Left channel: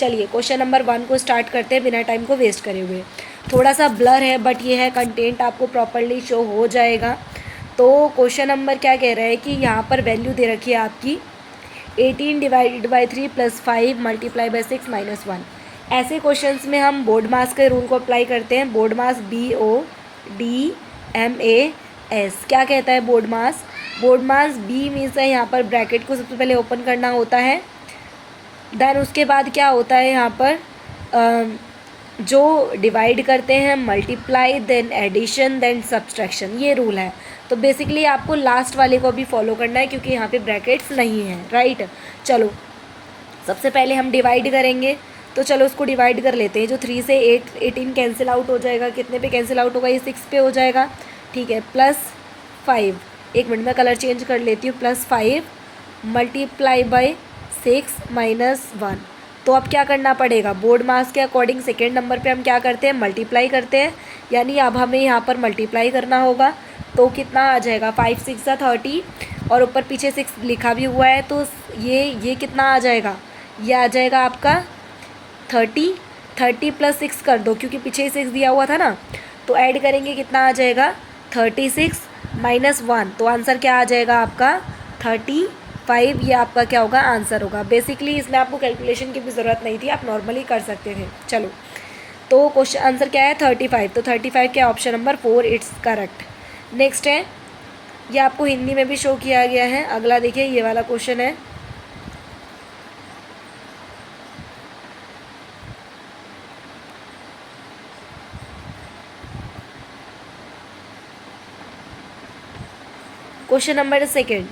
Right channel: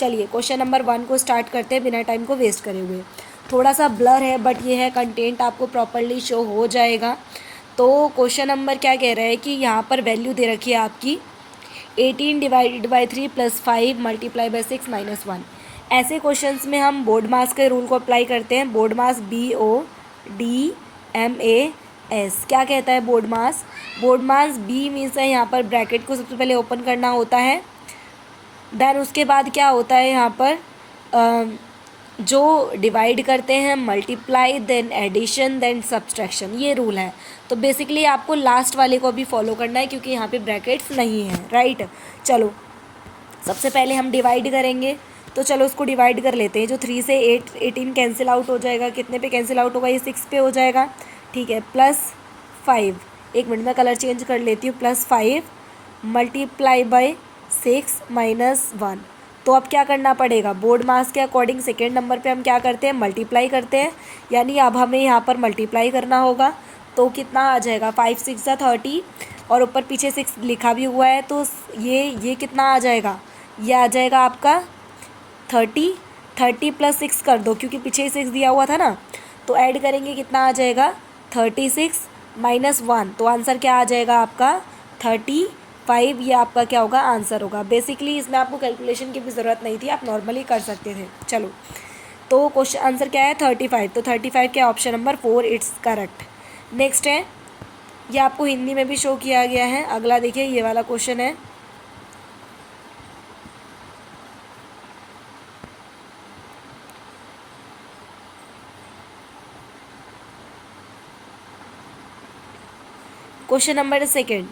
चलिए question number 1 को start करते हैं बिना टाइम को वेस्ट करे हुए। थोड़ा सा ब्लर है बट ये है, कंटेंट आपको प्रॉपरली शो हो जाएगा। तो क्वेश्चन नंबर क्या कह रहा है कि यहाँ पर वैल्यू दे रखी है आपकी 18 डिवाइडेड बाई 3 + 5 मल्टीप्लाई बाई 6 - 1। ऐसे क्वेश्चंस में हम बोर्ड मास के रूल को अप्लाई करते हैं। बोर्ड मास BODMAS क्या कहता है बोर्ड मास? बोर्ड मास B मीन्स है यहाँ पर ब्रैकेट को सबसे पहले ओपन करना होता है, देन उसके बाद क्या होता है यहाँ पर जो डिवाइड करते हैं multiply, then addition, then subtraction, ये रूल है। तो बेसिकली आपको लास्ट वाले को भी फॉलो करना है क्योंकि यहाँ पे ब्रैकेट्स नहीं है, राइट। चलो सबसे पहले हम डिवाइड करेंगे, तो चलो उसको डिवाइड कर लेते हैं। जो 3 से 18 कैंसिल आउट हो जाएगा, कितने पे कैंसिल आउट होगा? ये 6 पे हो जाएगा, ठीक है। +5, एक मिनट में कलर चेंज कर लेती हूँ, +5 मल्टीप्लाई बाई 6 - 1। तो अब क्या करना पड़ेगा? बोर्ड मास के अकॉर्डिंग सेकेंड नंबर पे हम क्या करते हैं? मल्टीप्लाई करते हैं, यानी अब हमें यहाँ पर मल्टीप्लाई करना होगा। तो कितना आ जाएगा? 5 × 6 = 30 और ऊपर पीछे 6 लिखा भी हुआ है, तो ये कितना आ जाएगा? ये आ जाएगा आपका 30 + 6 कर दो क्योंकि पीछे 6 दिया हुआ था ना, तो ऐड करेंगे कितना आ जाएगा? 36 - 1। तो आंसर क्या आ जाएगा आपका? 35। ये आपका क्या होगा? आंसर होगा। बेसिकली इसमें आपको कैलकुलेशन की भी ज़रूरत नहीं थी, आप नॉर्मली कर सकते थे। चलो तो क्वेश्चन आंसर क्या है? 35। तो 35 क्या? Option number 4 it's correct. Next है, ये आपको हिंदी में भी शो किया गया है। अगला देखिए, ये वाला क्वेश्चन है। क्वेश्चन नंबर 2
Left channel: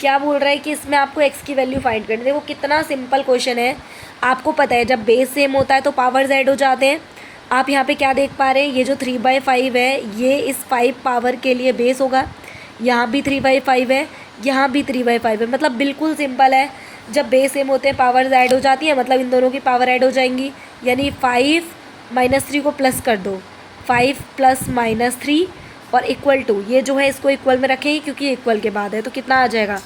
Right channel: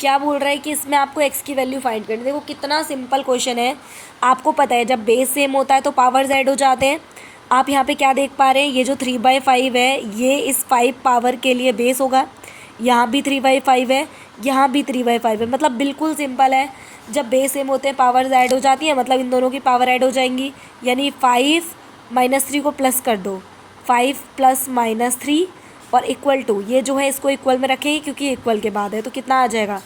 क्या बोल रहा है कि इसमें आपको x की वैल्यू फाइंड करनी है। देखो कितना सिंपल क्वेश्चन है, आपको पता है जब बेस सेम होता है तो पावर्स ऐड हो जाते हैं। आप यहाँ पे क्या देख पा रहे हैं? ये जो 3/5 है ये इस 5 पावर के लिए बेस होगा। यहाँ भी 3/5 है, यहाँ भी 3/5 है। मतलब बिल्कुल सिंपल है, जब बेस सेम होते हैं पावर्स ऐड हो जाती है, मतलब इन दोनों की पावर ऐड हो जाएंगी। यानी 5 - 3 को प्लस कर दो, 5 + -3 और इक्वल टू, ये जो है इसको इक्वल में रखेंगे क्योंकि इक्वल के बाद है। तो कितना आ जाएगा?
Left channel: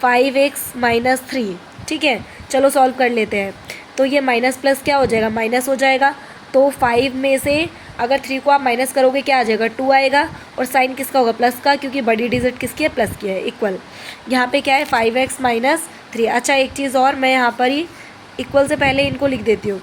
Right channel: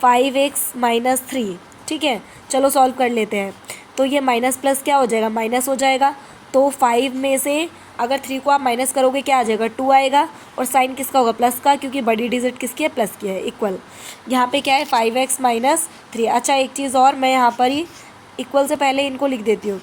5x - 3, ठीक है। चलो सॉल्व कर लेते हैं। तो ये माइनस प्लस क्या हो जाएगा? माइनस हो जाएगा। तो 5 में से अगर 3 को आप माइनस करोगे क्या आ जाएगा? 2 आएगा। और साइन किसका होगा? प्लस का, क्योंकि बड़ी डिजिट किसकी है? प्लस की है। इक्वल यहाँ पे क्या है? 5x - 3। अच्छा एक चीज़ और, मैं यहाँ पर ही इक्वल से पहले इनको लिख देती हूँ।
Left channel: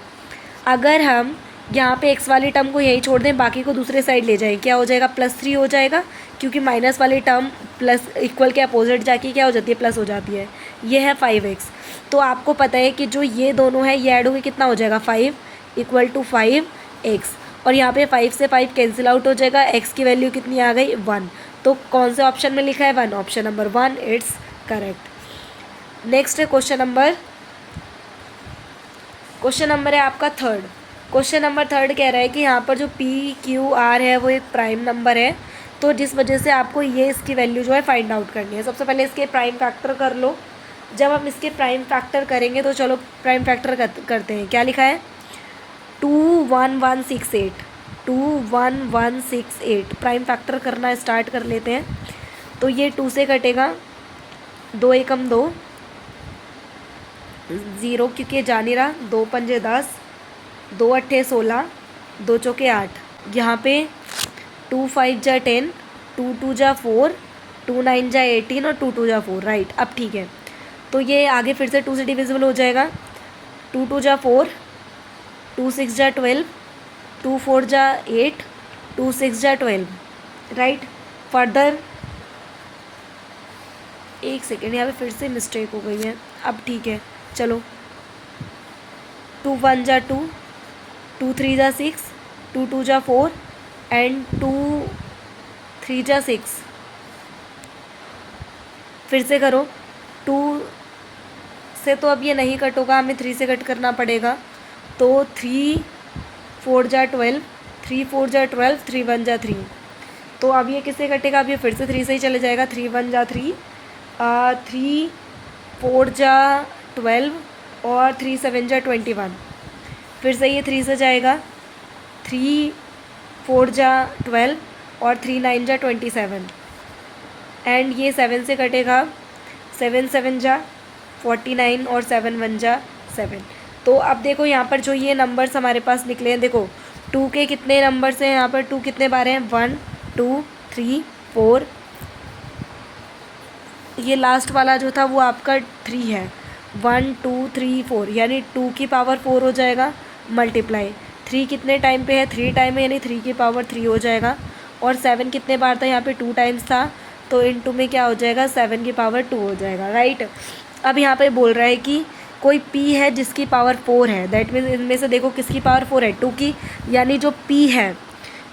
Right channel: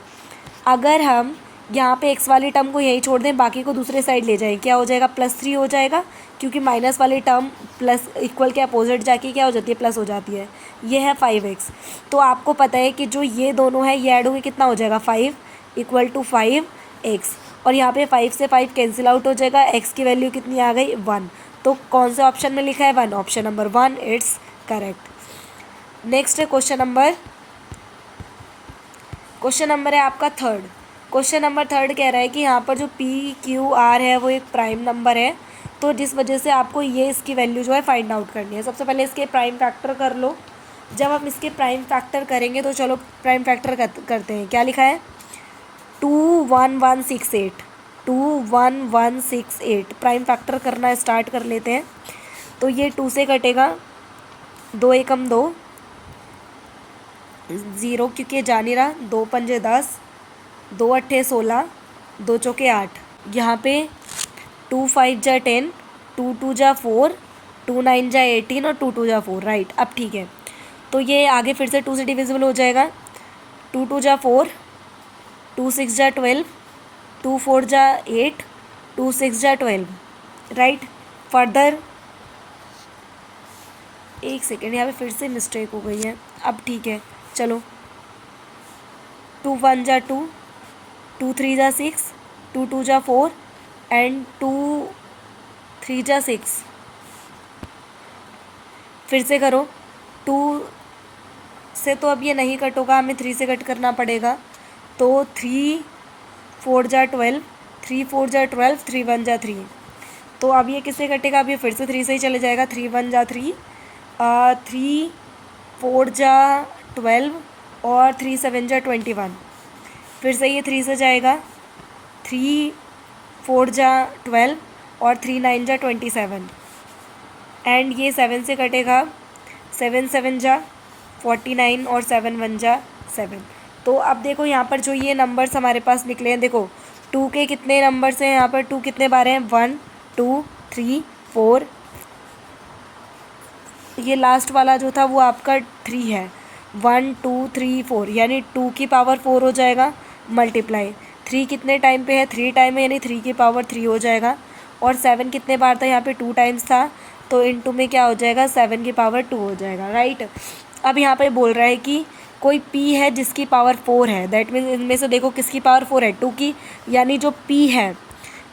अगर हम यहाँ पे x वाली टर्म को यहीं छोड़ दें, बाकी को दूसरे साइड ले जाएं, क्या हो जाएगा? +3 हो जाएगा, क्योंकि माइनस वाली टर्म प्लस इक्वल के अपोजिट जाके क्या हो जाती है? प्लस हो जाती है। ये है 5x। तो आपको पता है कि जो ये दोनों है ये ऐड होगी, कितना हो जाएगा? 5 = 5x। और यहाँ पे 5 से 5 कैंसिल आउट हो जाएगा, x की वैल्यू कितनी आ गई? 1। तो कौन से ऑप्शन में लिखा है? 1। Option number 1 it's correct. Next है क्वेश्चन नंबर है आपका 3rd। क्वेश्चन नंबर 3rd कह रहा है कि यहाँ पर जो PQR है वो एक प्राइम नंबर है, तो जिस वजह से आपको ये इसकी वैल्यू जो है फाइंड आउट करनी है। सबसे पहले इसके प्राइम फैक्टर कर लो। जब हम इसके प्राइम फैक्टर करेंगे तो चलो प्राइम फैक्टर करते हैं। क्या लिखा है? 21168, 21168 प्राइम फैक्टर करना स्टार्ट कर लेते हैं। तो ये 2 से कटेगा, 2 एकम 2, 0 क्योंकि जा नहीं रहा, 2 पंजे 10, 2 अट्ठे 16, 2 चौके 8। यहाँ पे 2 5 जा 10, 2 2 जा 4, 2 9 जा 18 और 2 2 जा 4, राइट। अब ठीक है, तो ये आगे फिर से 2 से डिविजिबल हो जाएगा। 2 2 जा 4, 2 6 जा 12, 2 4 जा 8, 2 6 जा 12, राइट। फर्दर एक सेकेंड, यहाँ पे फिर से मिस्टेक हो गई है। अब ठीक है, चलो 2 1 जा 2, 2 3 जा 6, 2 2 जा 4 एंड 2 3 जा 6। फिर से करो, 2 से तो अब ये नहीं कट होगा, हमें 3 से कट करना पड़ेगा। तो 3 4 जा 12, 3 4 जा 12, 3 1 जा 3। तो अब ये किससे कटेगा? अब ये फिर से 3 से ही चले जाएगा। 3 1 जा 3, 3 4 जा 12 और 3 7 जा 21। फिर से ये 3 से जाएगा, 3 4 जा 12 और 3 9 जा 27 एंड ये 7 से कटेगा, 7 7 जा 49 और 7 1 जा 7। तो अब देखो यहाँ पर जो ये नंबर्स हमारे पास निकले हैं, देखो 2 के कितने नंबर्स हैं यहाँ पर, 2 कितने बार हैं, 1 2 3 4, ये लास्ट वाला जो था वो आपका 3 है, 1 2 3 4, यानी 2 की पावर 4 हो जाएगा, मल्टीप्लाई 3 कितने टाइम पे है, 3 टाइम है, यानी 3 की पावर 3 हो जाएगा। और 7 कितने बार था, यहाँ पे 2 टाइम्स था, तो इनटू में क्या हो जाएगा, 7 की पावर 2 हो जाएगा, राइट। अब यहाँ पे बोल रहा है कि कोई p है जिसकी पावर 4 है, दैट मीन्स इनमें से देखो किसकी पावर 4 है, 2 की, यानी जो p है,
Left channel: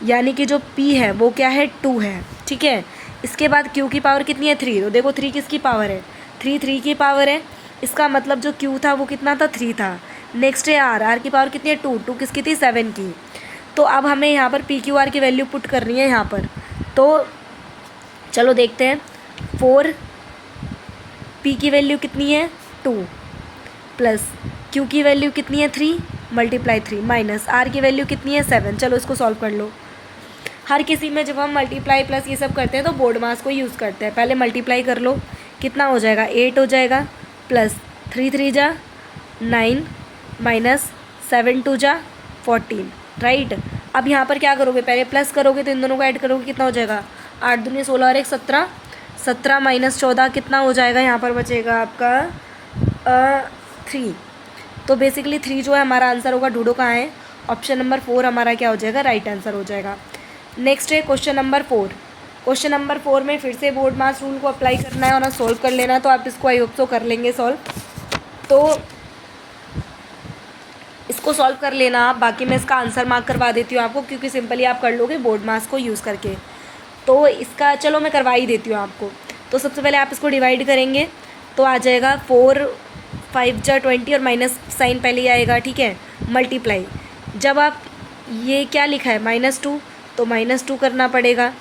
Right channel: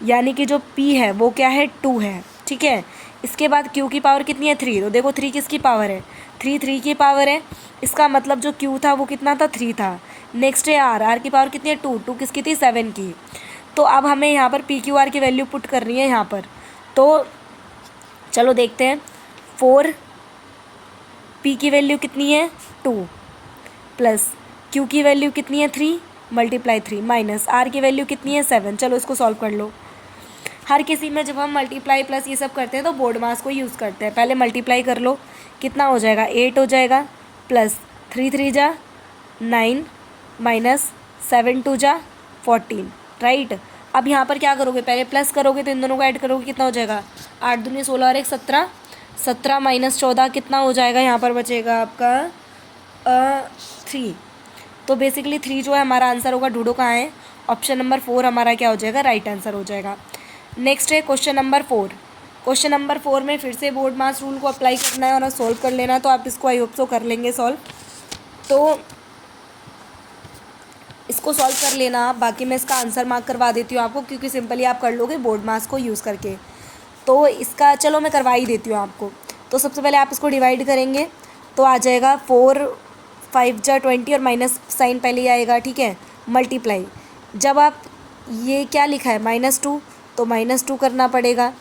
यानी कि जो p है वो क्या है, 2 है, ठीक है। इसके बाद q की पावर कितनी है, 3, तो देखो 3 किसकी पावर है, 3 की पावर है, इसका मतलब जो q था वो कितना था, 3 था। नेक्स्ट है r की पावर कितनी है, 2 किसकी थी, 7 की। तो अब हमें यहाँ पर पी क्यू आर की वैल्यू पुट करनी है यहाँ पर, तो चलो देखते हैं। 4 p की वैल्यू कितनी है, 2, प्लस q की वैल्यू कितनी है, 3 मल्टीप्लाई 3, माइनस r की वैल्यू कितनी है, 7। चलो इसको सॉल्व कर लो। हर किसी में जब हम मल्टीप्लाई प्लस ये सब करते हैं तो बोर्ड मास को यूज़ करते हैं। पहले मल्टीप्लाई कर लो, कितना हो जाएगा, 8 हो जाएगा, प्लस 3 3 जा 9, माइनस 7 2 जा 14, राइट। अब यहाँ पर क्या करोगे, पहले प्लस करोगे तो इन दोनों को ऐड करोगे, कितना हो जाएगा, 8 दूनी 16 और 1 17, 17 माइनस 14 कितना हो जाएगा, यहाँ पर बचेगा आपका 3। तो बेसिकली 3 जो है हमारा आंसर होगा, ढूंढो कहाँ है, ऑप्शन नंबर 4 हमारा क्या हो जाएगा, राइट आंसर हो जाएगा। नेक्स्ट है क्वेश्चन नंबर 4। क्वेश्चन नंबर 4 में फिर से बोर्ड मास रूल को अप्लाई करना है और सॉल्व कर लेना है, तो आप इसको आई होप सो कर लेंगे सॉल्व। तो इसको सॉल्व कर लेना आप, बाकी मैं इसका आंसर मार्क करवा देती हूँ आपको, क्योंकि सिंपली आप कर लोगे बोर्ड मास को यूज़ करके। तो इसका चलो मैं करवा ही देती हूँ आपको। तो सबसे पहले आप इसको डिवाइड करेंगे तो आ जाएगा 4 5 जा 20 और माइनस साइन पहले ही आएगा, ठीक है। मल्टीप्लाई, जब आप ये क्या लिखा है -2, तो -2 करना पड़ेगा,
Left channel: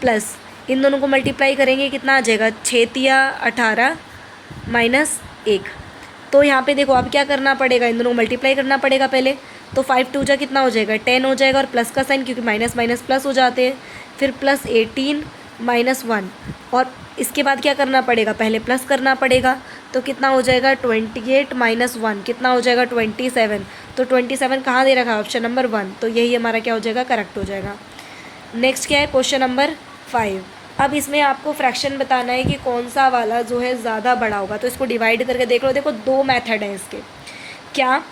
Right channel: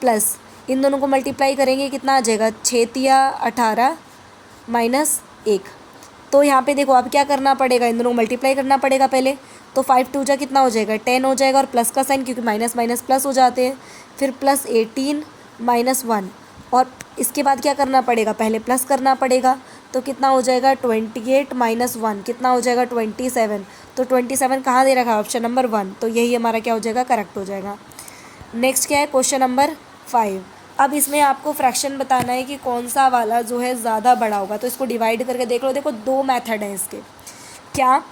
प्लस इन दोनों को मल्टीप्लाई करेंगे, कितना आ जाएगा, 6 तिया 18 माइनस 1। तो यहाँ पे देखो अब क्या करना पड़ेगा, इन दोनों को मल्टीप्लाई करना पड़ेगा पहले। तो 5 2 जा कितना हो जाएगा, 10 हो जाएगा, और प्लस का साइन, क्योंकि माइनस माइनस प्लस हो जाते हैं। फिर प्लस 18 माइनस 1, और इसके बाद क्या करना पड़ेगा, पहले प्लस करना पड़ेगा। तो कितना हो जाएगा, 28 माइनस 1 कितना हो जाएगा, 27। तो 27 कहाँ दे रखा है, ऑप्शन नंबर 1, तो यही हमारा क्या हो जाएगा, करेक्ट हो जाएगा। नेक्स्ट क्या है, क्वेश्चन नंबर 5। अब इसमें आपको फ्रैक्शन बताना है कि कौन सा वाला जो है ज़्यादा बड़ा होगा। तो इसको डिवाइड करके देख लो। देखो 2 मेथड हैं इसके। क्या,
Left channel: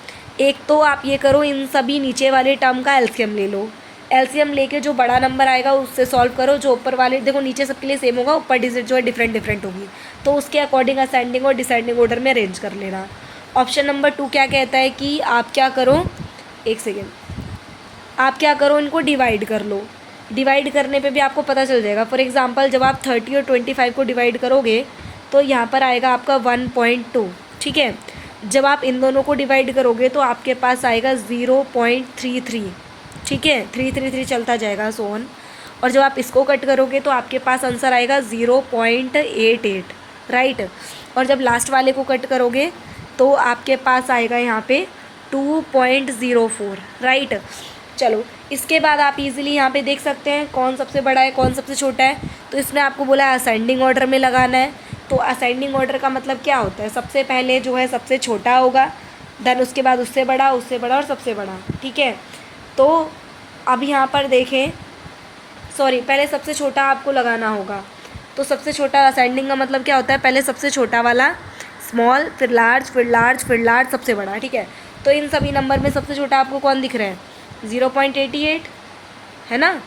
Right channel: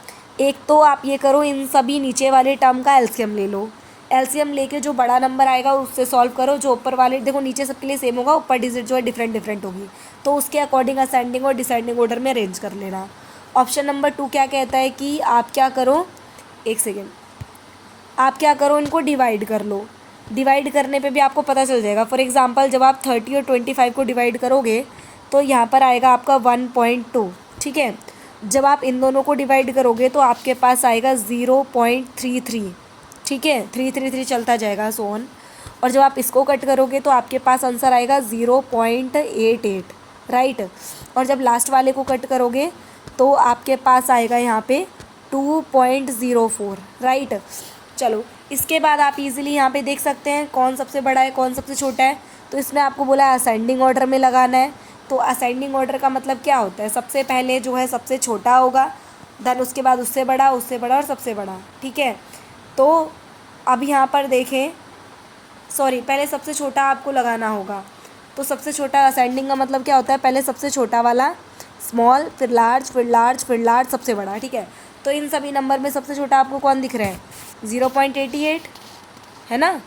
एक तो आप ये करो, इन सभी नीचे वाले टर्म का एलसीएम ले लो। एलसीएम लेके जो बड़ा नंबर आएगा उससे सॉल्व करो। जो ऊपर वाले, देखो नीचे सबके लिए सेम होगा, ऊपर डिजिट जो है डिफरेंट होगी, तो उसके अकॉर्डिंग असेंडिंग और डिसेंडिंग ऑर्डर में अरेंज कर लेना। ऑप्शन नंबर 2 क्या कहता है कि आप क्या करो, एक सेकेंड, आप क्या करो, इनको डिवाइड कर लो। डिवाइड करने पे भी आपको पता चल जाएगा। फॉर एग्जांपल जब आप 30 और 25 को डिवाइड करोगे तो यहाँ पर आएगा आपका 1.2, ठीक है। जब आप इन दोनों को डिवाइड करोगे तो आपके पास आएगा 0.33, ठीक है, 333 चलता जाएगा सोन। और जब आप इसको कट करोगे तो आपके पास आंसर आएगा 0.88, राइट। और जब लास्ट वाले को कट करोगे तो आपके पास आएगा यहाँ पे 2.04, राइट। चलो इसके बाद आप इजीली यहाँ पे देख सकते हैं कौन सबसे बड़ा है कौन सबसे छोटा है। तो इसने आपको बोला है असेंडिंग ऑर्डर में लगाना है। तो असेंडिंग ऑर्डर का मतलब क्या होता है, सबसे पहले जो है सबसे छोटा होगा, देन उसके बाद उससे बड़ा और सबसे बड़ा, ठीक है। तो अब यहाँ पर देखें, सॉरी, पहले सबसे छोटा आपको लगाना होगा। तो सबसे छोटा असेंडिंग का मतलब क्या होता है, पहले सबसे छोटा वाला, स्मॉल, फिर लार्ज, फिर लार्ज, फिर लार्ज, सबसे बड़ा, ठीक है। तो इन सभी नंबर में सबसे छोटा आपको कौन दिख रहा है, 0.88 है ना,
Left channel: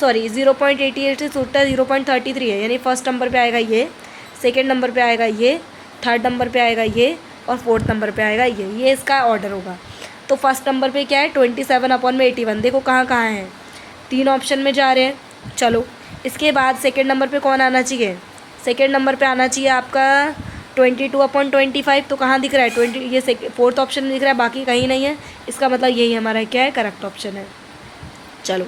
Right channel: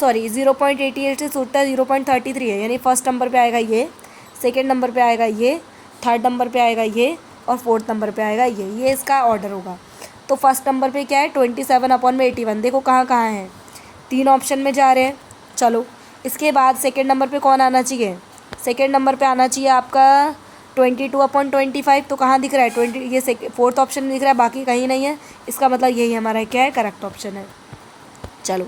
सॉरी 0.88 से छोटा 0.33 है, यानी फर्स्ट नंबर पे आएगा ये, सेकंड नंबर पे आएगा ये, थर्ड नंबर पे आएगा ये, और फोर्थ नंबर पे आएगा ये इसका ऑर्डर होगा। तो फर्स्ट नंबर पे क्या है, 27/81। देखो कहाँ कहाँ है, 3 ऑप्शन में जा रहे हैं। चलो इसके बाद सेकेंड नंबर पे कौन आना चाहिए, सेकेंड नंबर पे आना चाहिए आपका 22/25। तो कहाँ दिख रहा है, 20, ये फोर्थ ऑप्शन में दिख रहा है, बाकी कहीं नहीं है। इसका मतलब यही हमारा क्या है, करेक्ट ऑप्शन है। चलो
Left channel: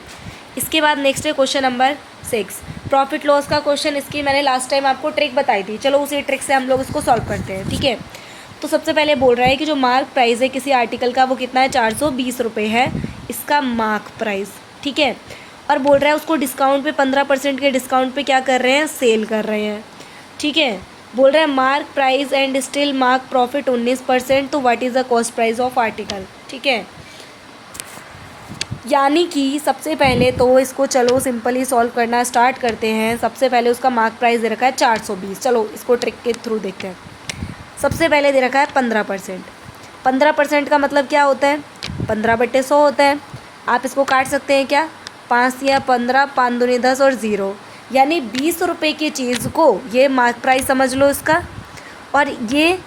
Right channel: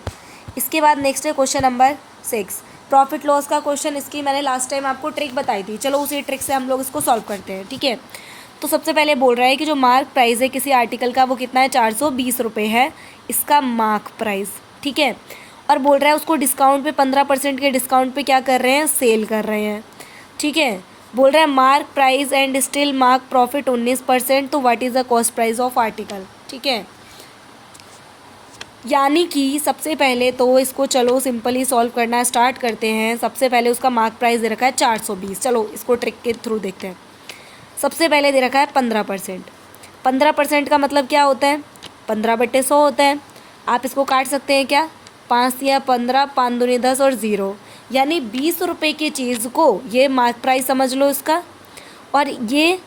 इसके बाद नेक्स्ट है क्वेश्चन नंबर 6, प्रॉफिट लॉस का क्वेश्चन। इसकी मैंने लास्ट टाइम आपको ट्रिक बताई थी, चलो उसी ट्रिक से हम लोग इसको सॉल्व करते हैं, ठीक है। तो सबसे पहले बोल रहा है कि जो मार्क प्राइस है किसी आर्टिकल का वो कितना है, 420 रुपये है इसका मार्क प्राइस, ठीक है। और बोल रहा है उसको डिस्काउंट पे 15% के डिस्काउंट पे क्या कर रहे हैं, सेल कर रहे हैं, ठीक है। बोल रहा है mark price and still mark profit 19%, तो what is the cost price of article. ठीक है, यानी कि सबसे पहले तो इसको चलो सिंपली सॉल्व करना स्टार्ट करते हैं। सबसे पहले उसका मार्क प्राइस दे रखा है 420। चलो इसको ट्रिक के थ्रू देखते हैं। सबसे पहले दे रखा है 15%। 15% का मतलब क्या होता है? 15/100 होता है। आप इसको काट सकते हैं क्या? 5 या 15, 5 दूनी 10 और 0, यानी 20 रुपये की चीज़ को ये मार्क प्राइस समझ लो इसका, और ये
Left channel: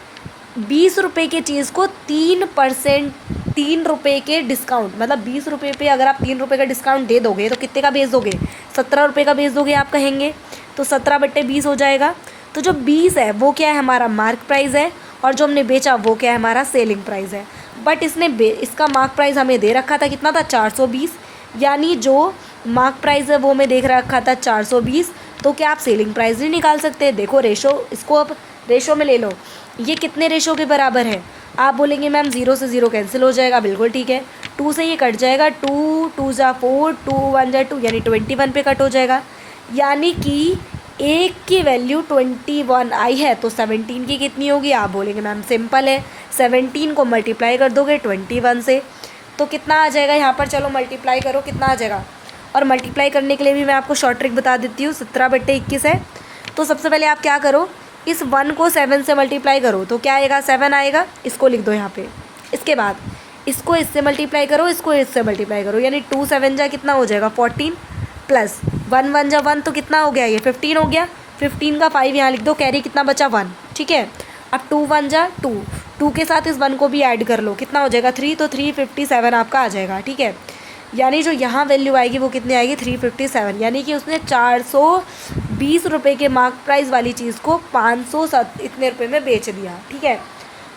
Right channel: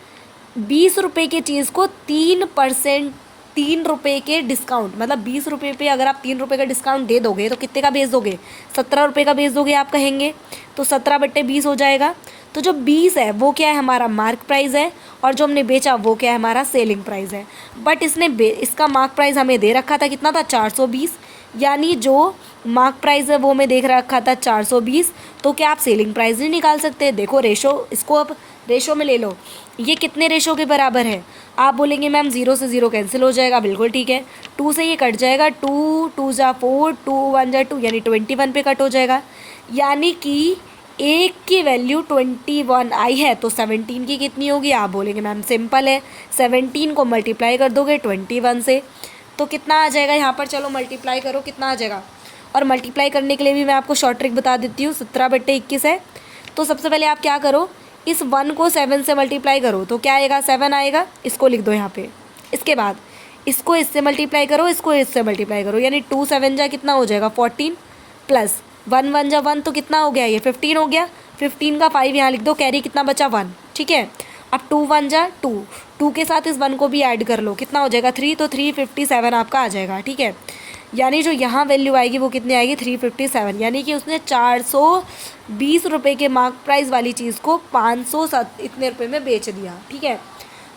20 रुपये की चीज़ को 3%, 3 रुपये के डिस्काउंट, मतलब 20 रुपये पे अगर आप 3 रुपये का डिस्काउंट दे दोगे तो कितने का बेच दोगे? 17 रुपये का बेच दोगे आप कहेंगे, तो 17/20 हो जाएगा। तो जो 20 है वो क्या है? हमारा मार्क प्राइस है, और जो हमने बेचा वो क्या है? हमारा सेलिंग प्राइस है। बट इसका मार्क प्राइस हमें दे रखा था कितना था? 420, यानी जो मार्क प्राइस है वो हमें देख रखा था 420। तो क्या आप सेलिंग प्राइस नहीं निकाल सकते? देखो रेशो, इसको अब रेशो में ले लो। ये कितने रेशो के बराबर है? आप बोलेंगे मैम 0 से 0 कैंसिल हो जाएगा। बिल्कुल ठीक है, 2 से ये कट जाएगा, 2 2 जा 4, 2 1 जा 2, यानी 21 पे कट हो जाएगा। यानी कि एक की वैल्यू 21 आई है, तो 17 की कितनी होगी? आप बोलेंगे मैम सिंपल है, 17 को मल्टीप्लाई कर दोगे 21 से, तो कितना आ जाएगा यहाँ पर? चलो मल्टीप्लाई करो, कितना आ जाएगा? और मल्टीप्लाई करने के लिए भी मैं आपको शॉर्ट ट्रिक बता देती हूँ। 17/21 है, तो सबसे पहले आप क्या करो, इस 1 को 7 से मल्टीप्लाई करो, तो क्या आएगा? 7 आएगा। इसको लिख दो यहाँ पे। इसके बाद इसको इससे मल्टीप्लाई करो, इसको इससे मल्टीप्लाई करो, यानी 2 7 जा कितना हो जाएगा? 14, प्लस 1 1 जा 1, तो कितना हो गया? ये 15 हो गया। 15 का 5 यहाँ लिख दो, कैरी कितना बचा? 1। ठीक है, अब 2 1 जा 2, 2 के साथ इस 1 को भी ऐड कर लो, कितना हो जाएगा? 3, तो 357 आपका आ जाएगा। ठीक है, यानी जो यहाँ वैल्यू आएगी वो कितनी आएगी? 357, यानी कि उसने 420 रुपये के मार्क प्राइस वाली चीज़ को 500 इतने रुपये में बेच दिया। ठीक है,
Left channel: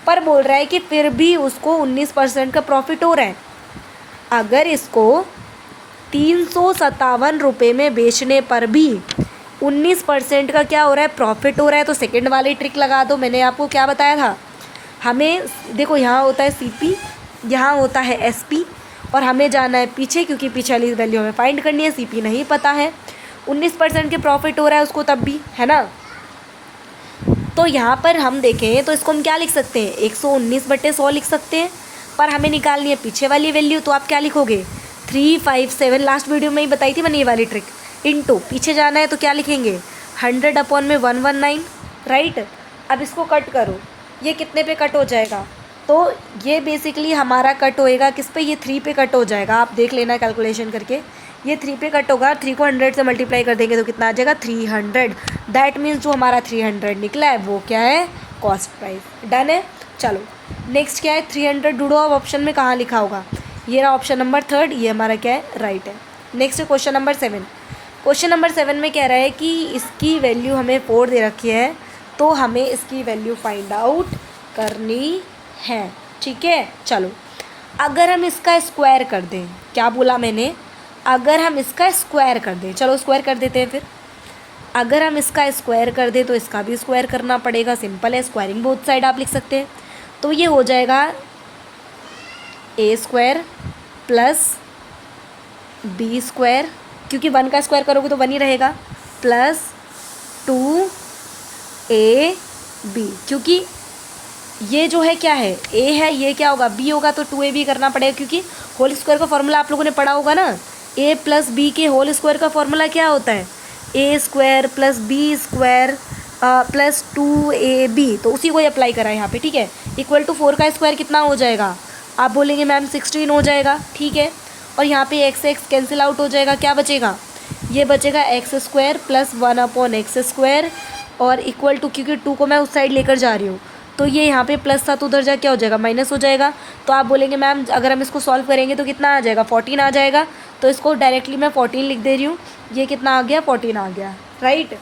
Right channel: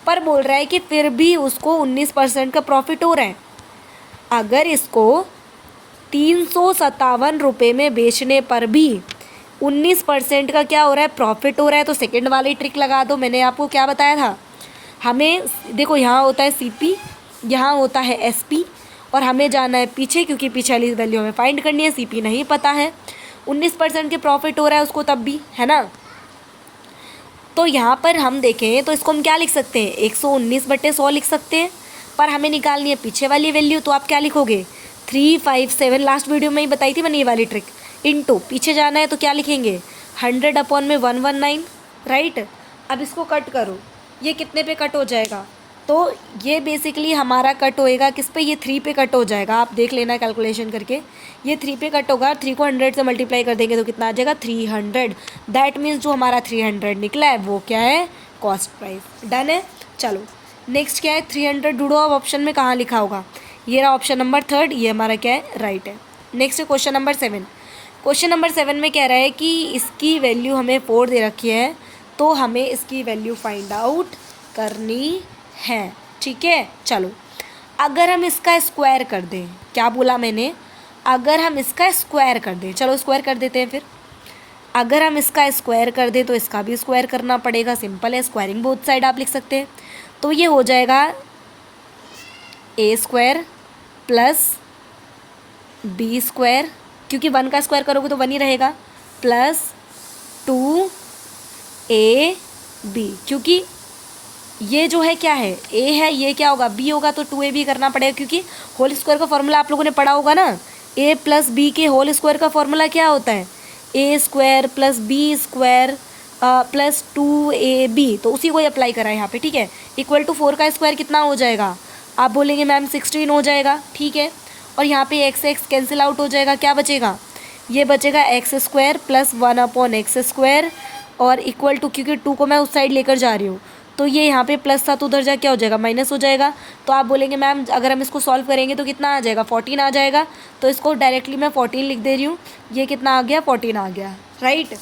पर बोल रहा है कि फिर भी उसको 19% का प्रॉफिट हो रहा है। अगर इसको 357 रुपये में बेचने पर भी 19% का क्या हो रहा है? प्रॉफिट हो रहा है, तो सेकेंड वाली ट्रिक लगा दो। मैंने आपको क्या बताया था? हमें देखो यहाँ होता है CP, यहाँ होता है SP, और हमें जाना है पीछे, क्योंकि पीछे वाली वैल्यू हमें फाइंड करनी है। CP नहीं पता है, 19% के प्रॉफिट हो रहा है उसको तब भी, है ना। तो यहाँ पर हम देखें तो इसको हम क्या लिख सकते हैं? 119/100 लिख सकते हैं, पर हमें निकालनी है पीछे वाली वैल्यू, तो आप क्या लिखोगे? 357, लास्ट वीडियो में ही बताई थी मैंने ये वाली ट्रिक। इनटू पीछे जाना है तो क्या लिखेंगे? 100/119, राइट। अब इसको कट करो, ये कितने पे कट हो जाएगा? तो ये बेसिकली हमारा कट होएगा किस पे? ये 3 पे कट हो जाएगा। आप देख लेना कैलकुलेशन करके, ये 3 पे कट होगा। 3 को 100 से मल्टीप्लाई कर देंगे तो कितना आ जाएगा? 300। दैट मीन्स जो हमारा 300 निकला है वो क्या है? Cost price. डन है। चलो नेक्स्ट क्या है? 300 ढूंढो। अब ऑप्शन में कहाँ लिखा होगा? ये रहा ऑप्शन नंबर 3, ये हमारा क्या है? राइट है। Next question number 7। Question number 7 में कह रहा है कि इसकी वैल्यू हमें 4 दे रखी है, तो हमें इसकी वैल्यू फाइंड आउट करनी है। ठीक है, चलो अगर हम इसका स्क्वायर कर दें, क्या बोला मैंने? अगर हम इसका स्क्वायर कर दें, चलो स्क्वायर कर देते हैं फिर। अगर हम इसका स्क्वायर कर दें तो इसका भी स्क्वायर करना पड़ेगा। सिंपल है, स्क्वायरिंग बोथ साइड आप लिख सकते हैं। तो ये हो जाएगा A² प्लस B², क्योंकि 1 का स्क्वायर करोगे तो 1 ही रहेगा, प्लस 2AB, क्योंकि ये जो है क्या है? A है, ये क्या होगा? B होगा, तो 2AB करना पड़ेगा, क्योंकि होल स्क्वायर का फॉर्मूला आप लोगों ने पढ़ा होगा ना। A प्लस B के होल स्क्वायर का फॉर्मूला क्या होता है? A² plus B² plus 2AB, तो उसी को अप्लाई करा है यहाँ पे। ठीक है, इक्वल टू 4 का स्क्वायर कितना हो जाएगा? आप बोलेंगे मैम 16 हो जाएगा। ठीक है, और यहाँ पे x कैंसिल आउट हो जाएगा, क्या बचेगा? ये बचेगा x² प्लस 1/x², और इक्वल टू, क्योंकि 2 को मैं उस साइड लेकर जा रही हूँ, तो ये यहाँ पे प्लस था तो उधर जा क्या हो जाएगा? माइनस हो जाएगा। तो आप बोलेंगे मैम अगर हम इसको सॉल्व करेंगे तो कितना आ जाएगा? 14 आ जाएगा। तो इसको डायरेक्टली मैं 14 लिख दे रही हूँ। ये कितना आ गया? 14 आ गया, राइट।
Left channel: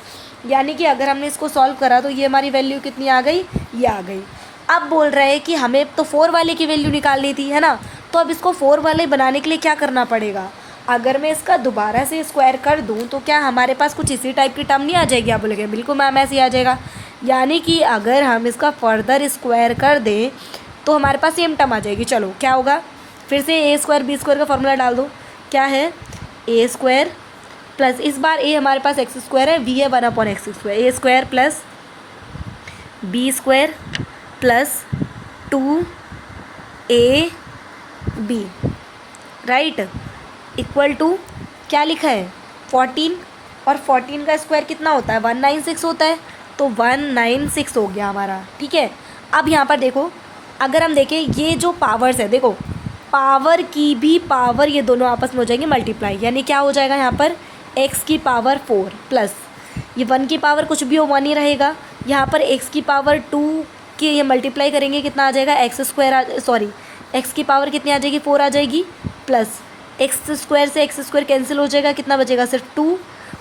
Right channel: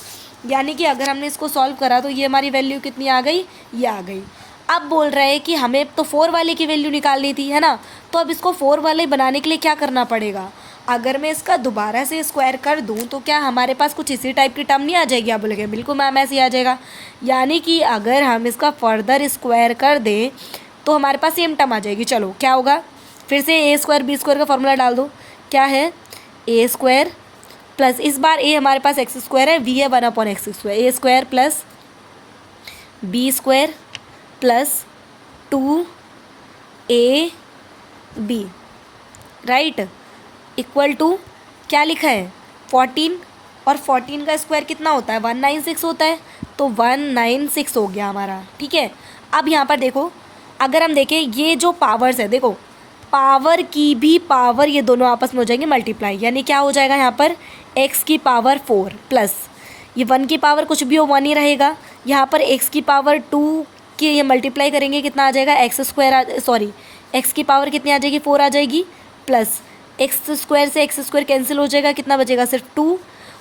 यानी कि अगर हमने इसको सॉल्व करा तो ये हमारी वैल्यू कितनी आ गई? ये आ गई। अब बोल रहा है कि हमें तो 4 वाले की वैल्यू निकालनी थी, है ना। तो अब इसको 4 वाले बनाने के लिए क्या करना पड़ेगा? अगर मैं इसका दोबारा से स्क्वायर कर दूं तो क्या हमारे पास कुछ इसी टाइप की टर्म नहीं आ जाएगी? आप बोलेंगे बिल्कुल मैम ऐसे ही आ जाएगा। यानी कि अगर हम इसका फर्दर स्क्वायर कर दें तो हमारे पास सेम टर्म आ जाएगी। चलो क्या होगा? फिर से A² B² का फॉर्मूला डाल दो। क्या है? A² प्लस, इस बार A हमारे पास x² है, B है 1/x², A² plus B square plus 2ab, right, equal to क्या लिखा है 14, और 14 का स्क्वायर कितना होता है 196 होता है, तो 196 हो गया हमारा। ठीक है, अब यहाँ पर देखो, अगर हम देखें ये जो पावर्स है, देखो पावर की भी पावर ये दोनों आपस में हो जाएंगे मल्टीप्लाई, यानी क्या हो जाएगा यहाँ पर x की पावर 4 प्लस ये 1 की पावर कुछ भी हो 1 ही रहेगा, यहाँ पर x की पावर 2 के ये मल्टीप्लाई करेंगे कितना आ जाएगा एक्स स्क्वायर, सॉरी x की पावर कितनी आ जाएगी 4 आ जाएगी, प्लस एक्स स्क्वायर से एक्स स्क्वायर कैंसिल हो जाएगा, कितना बचेगा सिर्फ 2,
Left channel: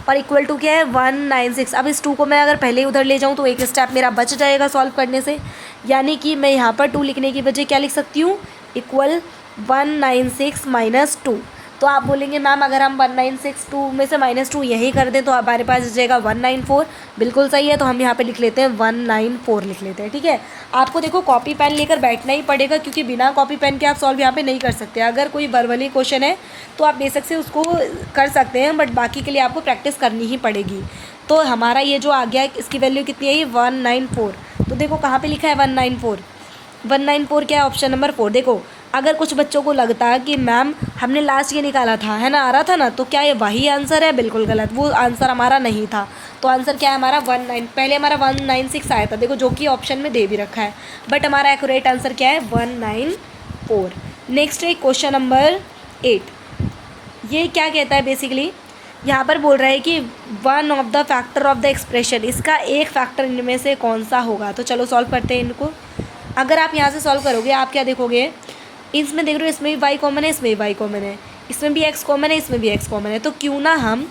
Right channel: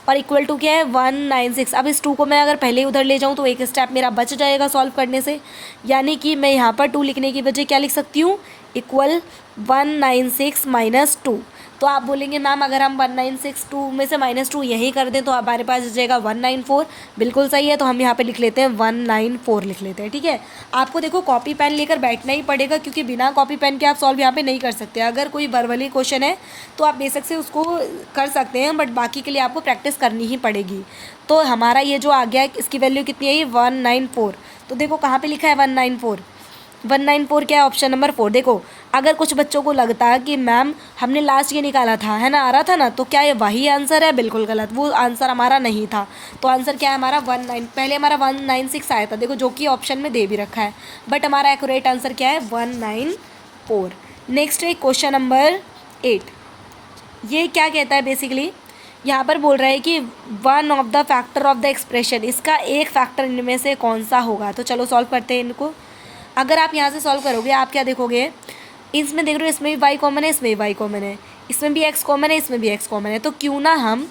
और इक्वल टू क्या है 196। अब इस 2 को मैं अगर पहले ही उधर ले जाऊँ तो एक स्टेप मेरा बच जाएगा सॉल्व करने से, यानी कि मैं यहाँ पर 2 लिखने की बजाय क्या लिख सकती हूँ इक्वल 196 माइनस 2। तो आप बोलेंगे मैम अगर हम 196 2 में से -2 यही कर दें तो हमारे पास आ जाएगा 194, बिल्कुल सही है, तो हम यहाँ पे लिख लेते हैं 194 लिख लेते हैं। ठीक है, आपको देखो कॉपी पेन लेकर बैठना ही पड़ेगा, क्योंकि बिना कॉपी पेन के आप सॉल्व यहाँ पे नहीं कर सकते। अगर कोई वर्बली क्वेश्चन है तो आप बेशक से उसको कर सकते हैं, बट बाकी के लिए आपको प्रैक्टिस करनी ही पड़ेगी। तो हमारा ये जो आ गया इसकी वैल्यू कितनी है 194, तो देखो कहाँ पर लिखा है 194 क्या है ऑप्शन नंबर 4। देखो अगर कुछ बच्चों को लगता है कि मैम हमने लास्ट ये निकाला था, है ना, आ रहा था ना, तो क्या ये वही आंसर है, बिल्कुल गलत, वो आंसर हमारा नहीं था। तो आंसर क्या है हमारा पहले हमारा 196 आया था, देखो जो कि ऑप्शन में दे भी रखा है, बट हमारा एक्यूरेट आंसर क्या है 194। नेक्स्ट है क्वेश्चन नंबर 8, ये क्या कहता है बेसिकली, यहाँ पर बोल रहा है कि one of the factor of the expression, इसका एक फैक्टर इनमें से कौन सा होगा। तो चलो सॉल्व करते हैं इनको। अगर आप यहाँ से सॉल्व करोगे आप क्या देखोगे, इसमें देख रहे हो इसमें भी y कॉमन है, इसमें भी y कॉमन है, इसमें भी x कॉमन है, इसमें भी x कॉमन है, तो क्यों ना हम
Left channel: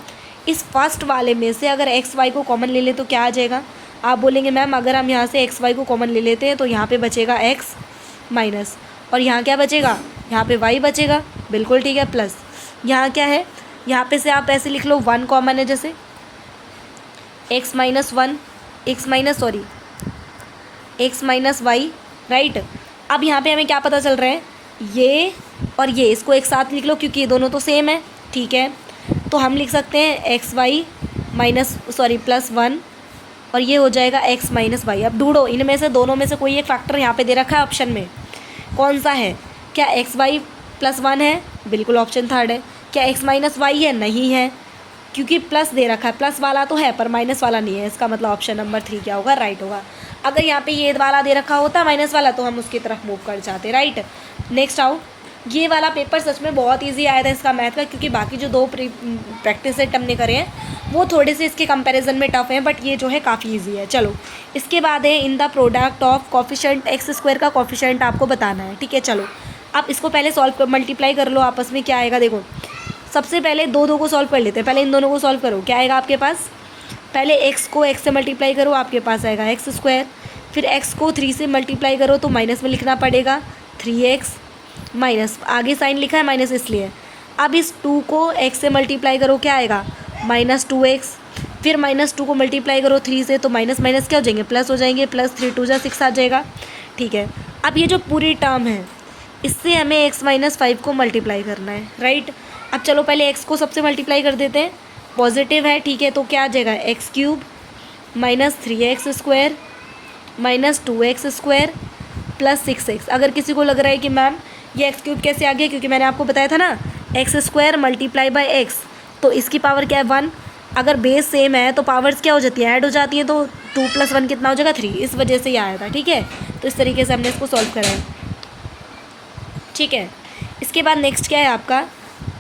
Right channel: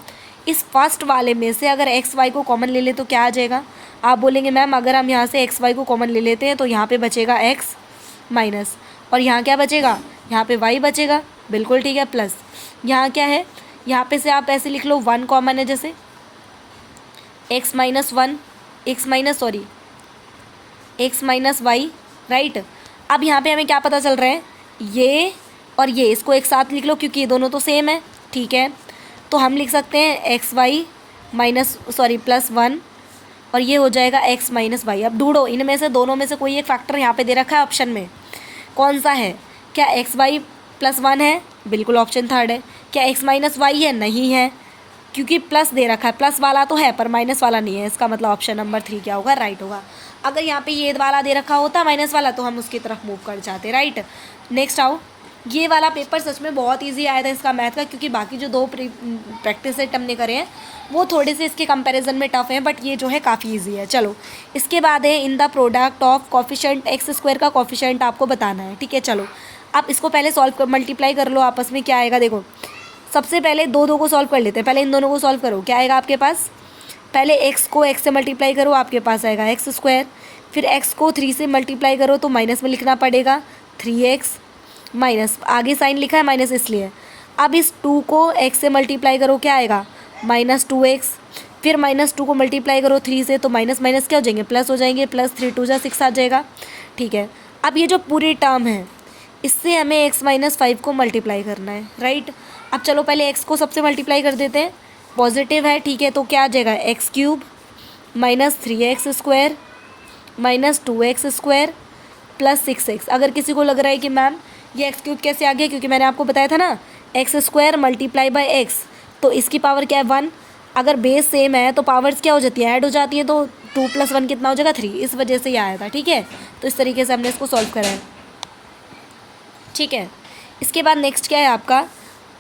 इस फर्स्ट वाले में से अगर x y को कॉमन ले ले तो क्या आ जाएगा। आप बोलेंगे मैम अगर हम यहाँ से x y को कॉमन ले लेते हैं तो यहाँ पे बचेगा x माइनस, और यहाँ क्या बचेगा, यहाँ पे y बचेगा, बिल्कुल ठीक है, प्लस यहाँ क्या है, यहाँ पे से आप ऐसे लिख लो 1 कॉमन है, जैसे x माइनस y, राइट। अब यहाँ पे हमें क्या पता चल रहा है, ये और ये इसको एक साथ लिख लो क्योंकि ये दोनों तो सेम है। ठीक है, तो हम लिख सकते हैं +1 और ये हो जाएगा x माइनस वाई। अब ढूंढो इनमें से दोनों में से कोई एक फैक्टर यहाँ पे दे रखा है ऑप्शन में, कौन सा है, क्या xy +1 है, बिल्कुल ऑप्शन थर्ड है। क्या x माइनस वाई है, नहीं है, क्योंकि प्लस दे रखा है, प्लस वाला तो है पर माइनस वाला नहीं है, इसका मतलब ऑप्शन नंबर 3 क्या होगा, राइट होगा। अगर यहाँ पे ये वाला दे रखा होता माइनस वाला तो हम उसकी तरफ मूव कर जाते, राइट। नेक्स्ट आओ, ये वाला पेपर सच में बहुत इजी आया था इसका मैथ का, क्योंकि बाकी जो 2 प्रैक्टिस सेट हमने करे हैं वो थोड़े से इसके कंपैरिजन में टफ है, बट ये जो है काफ़ी इजी है। चलो इसके बाद है in the product of coefficient x² का कॉफिशेंट आपको बताना है। ठीक है, चलो आप इसको पहले सॉल्व मल्टीप्लाई कर लो आपस में, क्या आएगा देखो, सबसे पहले 2 को सॉल्व कर लेते हैं, पहले इन दोनों को सॉल्व करो, क्या आएगा आपके पास, पहले x को x से मल्टीप्लाई करो, आपके पास आएगा x², फिर x को 3 से मल्टीप्लाई करो तो माइनस में लिखना पड़ेगा 3x माइनस, आगे साइन लिखा है माइनस इसलिए। अब इस 2 को x से मल्टीप्लाई करो, क्या आएगा -2x, फिर -2 को मल्टीप्लाई करो 3 से तो माइनस माइनस क्या हो जाएंगे, प्लस हो जाएंगे, +3 2 जा 6 आ जाएगा। ठीक है, अब ये जो पूरी टर्म है इससे हमें x माइनस 5 को मल्टीप्लाई करना है, राइट। अब चलो पहले x को सबसे मल्टीप्लाई कर देते हैं, पॉजिटिव है, ठीक है, तो क्या आ जाएगा x³ -3x² -2x² +6x। अगर किसी को लग रहा है कि मैम ये x³ कैसे आ गया, क्योंकि मैंने आपको बताया था ना x² मल्टीप्लाई बाई x, तो इसकी पावर क्या है 1, अगर बेस सेम है तो पावर्स क्या हो जाती है, ऐड हो जाती हैं, तो 2 + 1 कितना हो जाएगा 3, इस वजह से ये आया था। ठीक है, तो इस तरीके से हमने इसको सॉल्व करा है। ठीक है, इसके बाद नेक्स्ट क्या है आपका,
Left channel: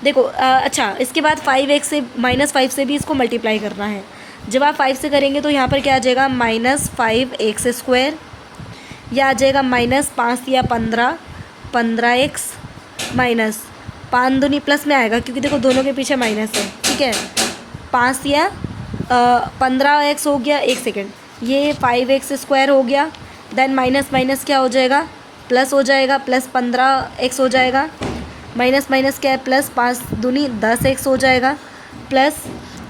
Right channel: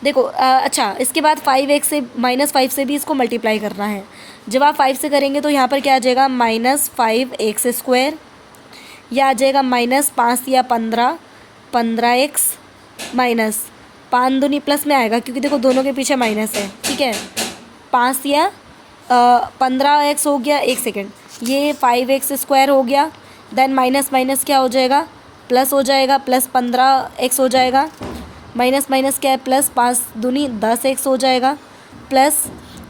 देखो अच्छा इसके बाद 5x से -5 से भी इसको मल्टीप्लाई करना है। जब आप 5 से करेंगे तो यहाँ पर क्या आ जाएगा -5x², या आ जाएगा -5 या 15x माइनस 5 दूनी प्लस में आएगा, क्योंकि देखो दोनों के पीछे माइनस है। ठीक है, 5 या 15x हो गया, 1 सेकेंड, ये 5x² हो गया, देन माइनस माइनस क्या हो जाएगा, प्लस हो जाएगा, +15x हो जाएगा, माइनस माइनस क्या है +5 दूनी 10x हो जाएगा, प्लस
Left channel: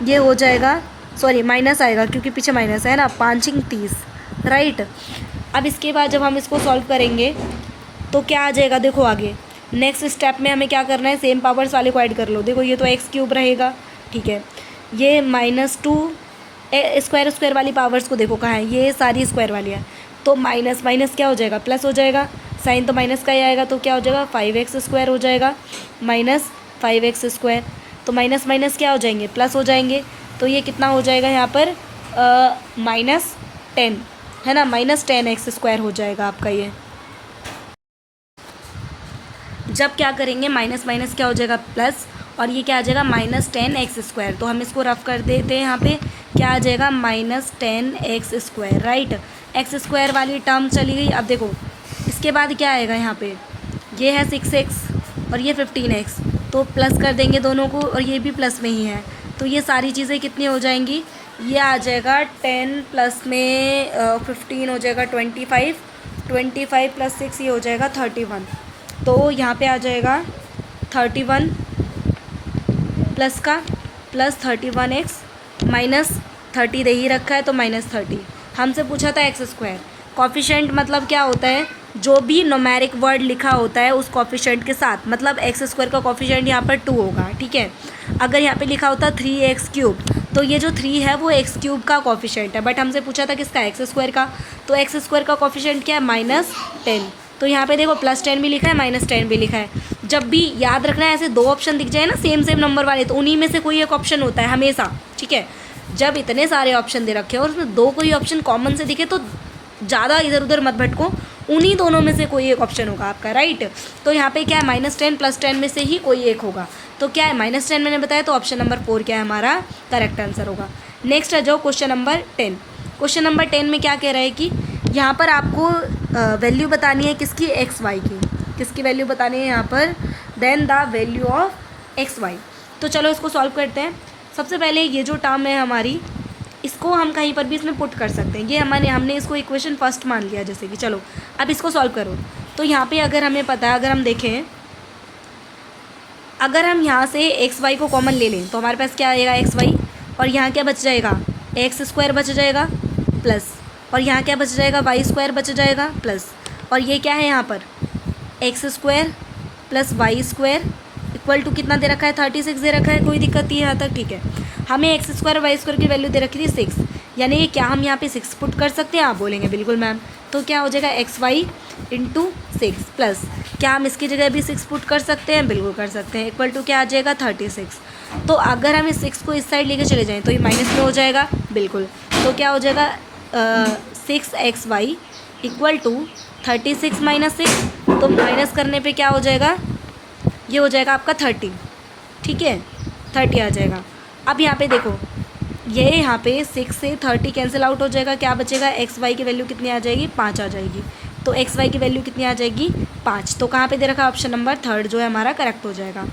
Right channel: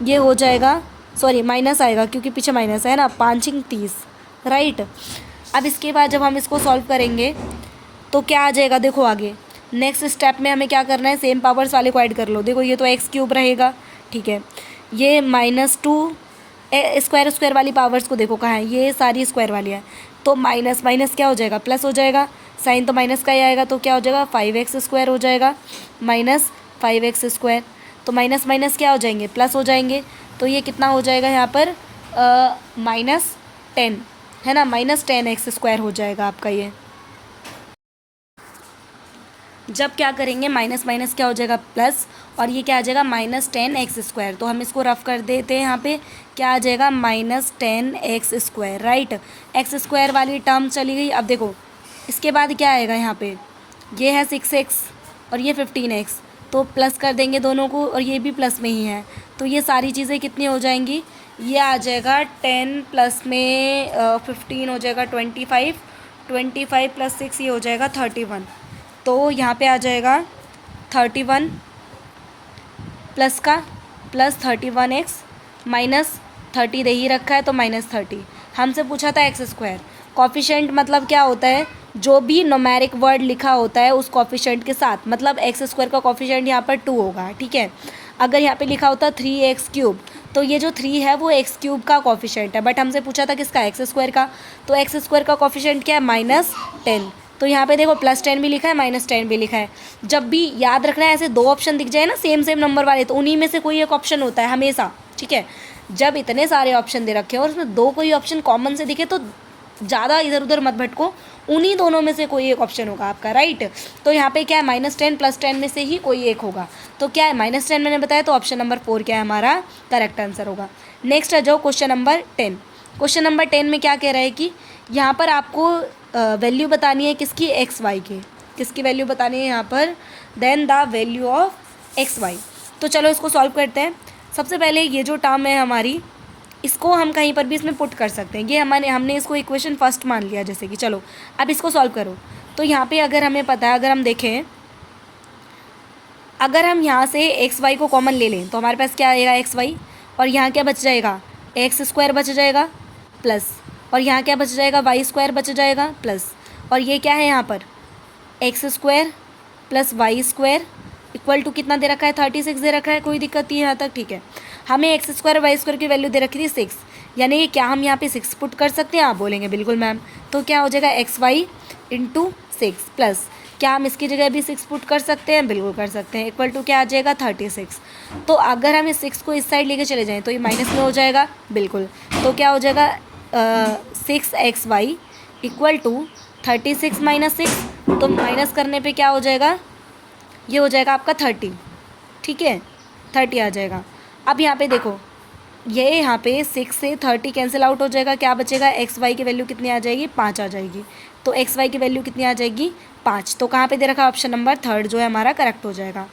ये हो जाएगा, सॉरी माइनस आएगा क्योंकि पीछे माइनस है ना, 5 × 30, राइट। अब इसके बाद जब हम इसको सॉल्व करेंगे तो क्या आ जाएगा, देखो आगे नेक्स्ट स्टेप में हमें क्या करना है, सेम पावर्स वाले को ऐड कर लो। देखो ये तो x³ रहेगा, ठीक है, ये -2 स्क्वायर वाली पावर्स को देखो कहाँ है, ये सारी स्क्वायर वाली है, तो माइनस माइनस क्या हो जाएगा, प्लस हो जाएगा, साइन तो माइनस का ही आएगा, तो क्या हो जाएगा 5x² हो जाएगा माइनस 5x²। तो माइनस माइनस क्या हो जाएंगे, प्लस हो जाएंगे। तो ये कितना हो जाएगा यहाँ पर -10 है ना, -10x² हो जाएगा आपका ये। जब क्या करेंगे माइनस माइनस क्या हो जाएगा प्लस, और ये क्या आ जाएगा -10x²। तो हम इसको रफ कर देते हैं, यहाँ पे क्या आ जाएगा -10x², राइट। x² वाली टर्म चली गई। अब देखो इसके बाद क्या आएगा, यहाँ पे ये है 6x और ये 15x, तो प्लस कर देंगे दोनों को, और ये भी प्लस में ही है, तो ये सारी चीज़ें कितनी हो जाएंगी, ये आ जाएगा 10 प्लस में 15 हो जाएगा 25, 25 प्लस 6 ये हो जाएगा 31। तो यहाँ पे आ जाएगा 31 प्लस का प्लस 31x माइनस 30 दे ही रखा है तो -30। हमसे पूछा था x²। कॉफिशेंट मतलब क्या होता है, जो भी न्यूमेरिक वर्ड लिखा होता है उस कॉफिशेंट के साथ, मतलब x² का कॉफिशेंट यहाँ पर 2 होगा, ठीक है। अगर यहाँ पे लिखा होता 3x³ तो ये जो 3 है वो x³ का कॉफिशेंट है, बट हमसे पूछा था किसका, x² का। तो x² का कॉफिशेंट क्या है -10। तो यहाँ पे देखो +10 भी लिखा है -10 भी लिखा है। जब भी याद रखना है, ऐसे दो ऑप्शन दिख जाए ना सेम सेम नंबर वाले, तो उन्हीं में से कोई एक ऑप्शन होता है हमेशा, ठीक है। जब इतने सारे ऑप्शन दे रखे हो और उसमें दो कोई ऑप्शन कॉमन से दिखे तो ज़्यादा इधर उधर मत भटको, उन्हीं दोनों में से कोई एक ऑप्शन होगा आपका, राइट। तो यहाँ पे क्या है -10 +10 में से ही कोई एक होगा। तो क्या है -10 मैंने बताया, तो ऑप्शन नंबर 4 क्या है हमारा करेक्ट आंसर होगा। नेक्स्ट आ जाओ क्वेश्चन नंबर 10। क्वेश्चन नंबर 10 में क्या कह रहा है कि यहाँ पर आपको वैल्यू बतानी है किसकी, XY की। किसकी वैल्यू बतानी है यहाँ पर, then the value of XY। तो चलो इसको सॉल्व करते हैं। सबसे पहले ये जो टर्म है हमारी, इसको हम कहीं पर भी इसमें पुट कर सकते हैं। ये हमने इसको इक्वेशन फर्स्ट मान लिया जैसे कि, चलो अब इसको सॉल्व करो। तो यहाँ पे अगर हमें पता है, अगर हम देखें, अगर हम यहाँ से XY को कॉमन ले लें तो हमारे पास क्या आएगा XY, और यहाँ क्या बच जाएगा x² बच जाएगा प्लस, और यहाँ क्या बच जाएगा y² बच जाएगा प्लस, और ये क्या है यहाँ पर x² plus y² equal to कितना दे रखा है 36 दे रखा है, कोई दिक्कत नहीं है यहाँ तक, ठीक है। हमें x² और y² की वैल्यू दे रखी थी 6, यानी कि क्या हम यहाँ पे 6 पुट कर सकते हैं, आप बोलेंगे बिल्कुल मैम। तो क्या हो जाएगा XY इंटू 6 प्लस, क्या हम इसकी जगह भी 6 पुट कर सकते हैं, बिल्कुल कर सकते हैं, इक्वल टू क्या आ जाएगा 36। तो अगर हम इस 6 को इस साइड लेके चले जाएँ तो ये माइनस में हो जाएगा, बिल्कुल। तो क्या हो जाएगा 6xy इक्वल टू 36 माइनस 6, तो माइनस करने पे क्या हो जाएगा, ये हो जाएगा आपका 30, ठीक है, 30 आ जाएगा। अब यहाँ पे देखो, ये यहाँ पे 6 से 30 कैंसिल आउट हो जाएगा, क्या बचेगा XY की वैल्यू कितनी आ जाएगी, 5 आ जाएगी। तो XY की वैल्यू कितनी आ जाएगी 5। तो कहाँ पे दे रखा है, ऑप्शन नंबर 3 जो है हमारा करेक्ट हो जाएगा।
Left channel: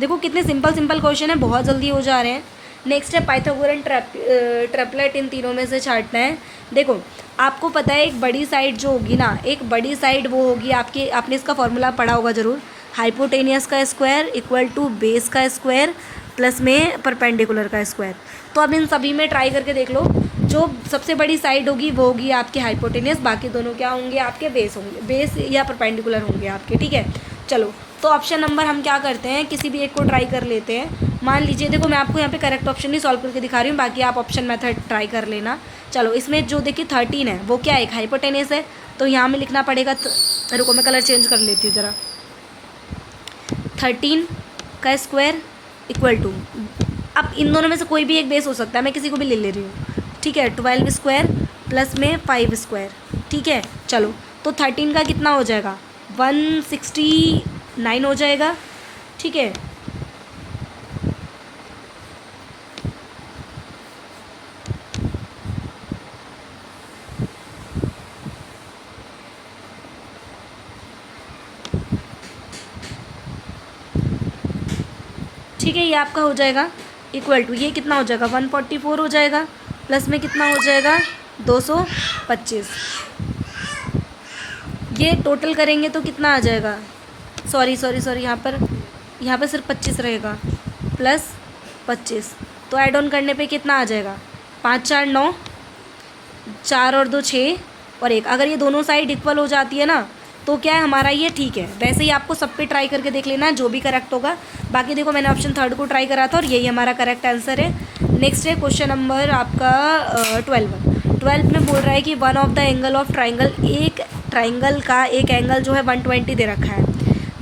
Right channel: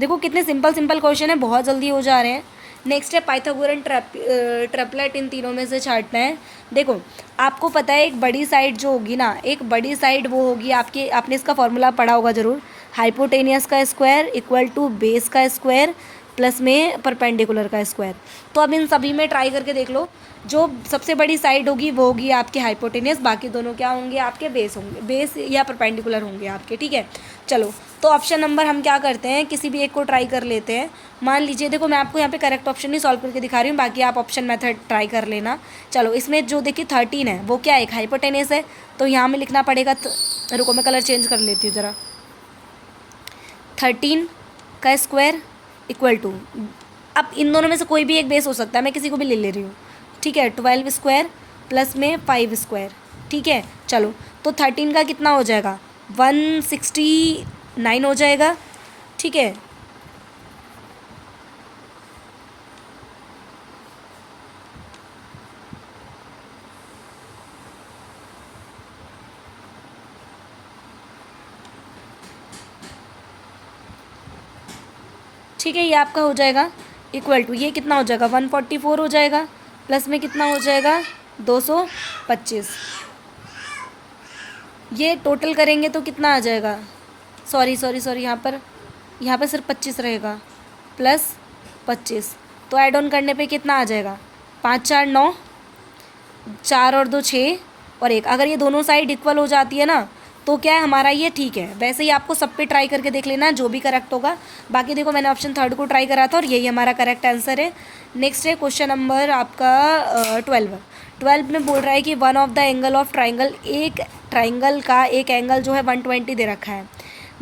देखो कितने सिंपल सिंपल क्वेश्चन है, बहुत जल्दी हो जा रहे हैं। नेक्स्ट है पाइथागोरन ट्रिपलेट, इन तीनों में से छांटना है। देखो आपको पता है एक बड़ी साइड जो होगी ना, एक बड़ी साइड वो होगी आपकी, आपने इसका फॉर्मूला पढ़ा होगा ज़रूर, हाइपोटेनियस का स्क्वायर इक्वल टू बेस का स्क्वायर प्लस में परपेंडिकुलर का स्क्वायर। तो अब इन सभी में ट्राई करके देख लो, जो सबसे बड़ी साइड होगी वो होगी आपके हाइपोटेनियस, बाकी दोनों क्या होंगे आपके बेस होंगे, बेस या परपेंडिकुलर होंगे आपके, ठीक है। चलो तो ऑप्शन नंबर हम क्या करते हैं, किसी भी एक को ट्राई कर लेते हैं। मान लीजिए, देखो मैं आपको यहाँ पे करेक्ट ऑप्शन नहीं सॉल्व करके दिखा रही हूँ, बाकी आप ऑप्शन मेथड ट्राई कर लेना। चलो इसमें जो देखिए 13 है वो क्या है, एक हाइपोटेनियस है, तो यहाँ में लिखना पड़ेगा, रुको मैं कलर चेंज कर लेती हूँ ज़रा। 13 का स्क्वायर इक्वल टू, अब इन दोनों में से कोई भी एक बेस हो सकता है, मैं किसी को भी ले रही हूँ, ठीक है, 12 स्क्वायर प्लस में 5 स्क्वायर, ठीक है। चलो तो 13 का कितना हो जाएगा 169 हो जाएगा, ठीक है। ठीक है, ये आपका हो जाएगा इक्वल टू, ये कितना हो जाएगा 144 हो जाएगा, प्लस में कितना हो जाएगा 225। ये टोटल करेंगे तो कितना आ जाएगा, सॉरी यहाँ पर सिर्फ 25 रहेगा, प्लस 25, तो ऐड ऑन करने पे कितना आ जाएगा 5 4 9, 4 और 2 6 और 1। अगर ये दोनों साइड इक्वल हो जाती है ना तो क्या है हमारा ये ठीक है। वैसे ही आपको सब पे ट्राई करके देख लेना जो भी करेक्ट होगा। बाकी देखो मैंने ऑप्शन 3 को ट्राई करा था और यही हमारा करेक्ट आंसर है। नेक्स्ट है क्वेश्चन नंबर आपका 12। 12 में बोल रहा है कि one of the angle of triangle, एक ट्राइंगल का एक एंगल जो है 120 दे रखा है।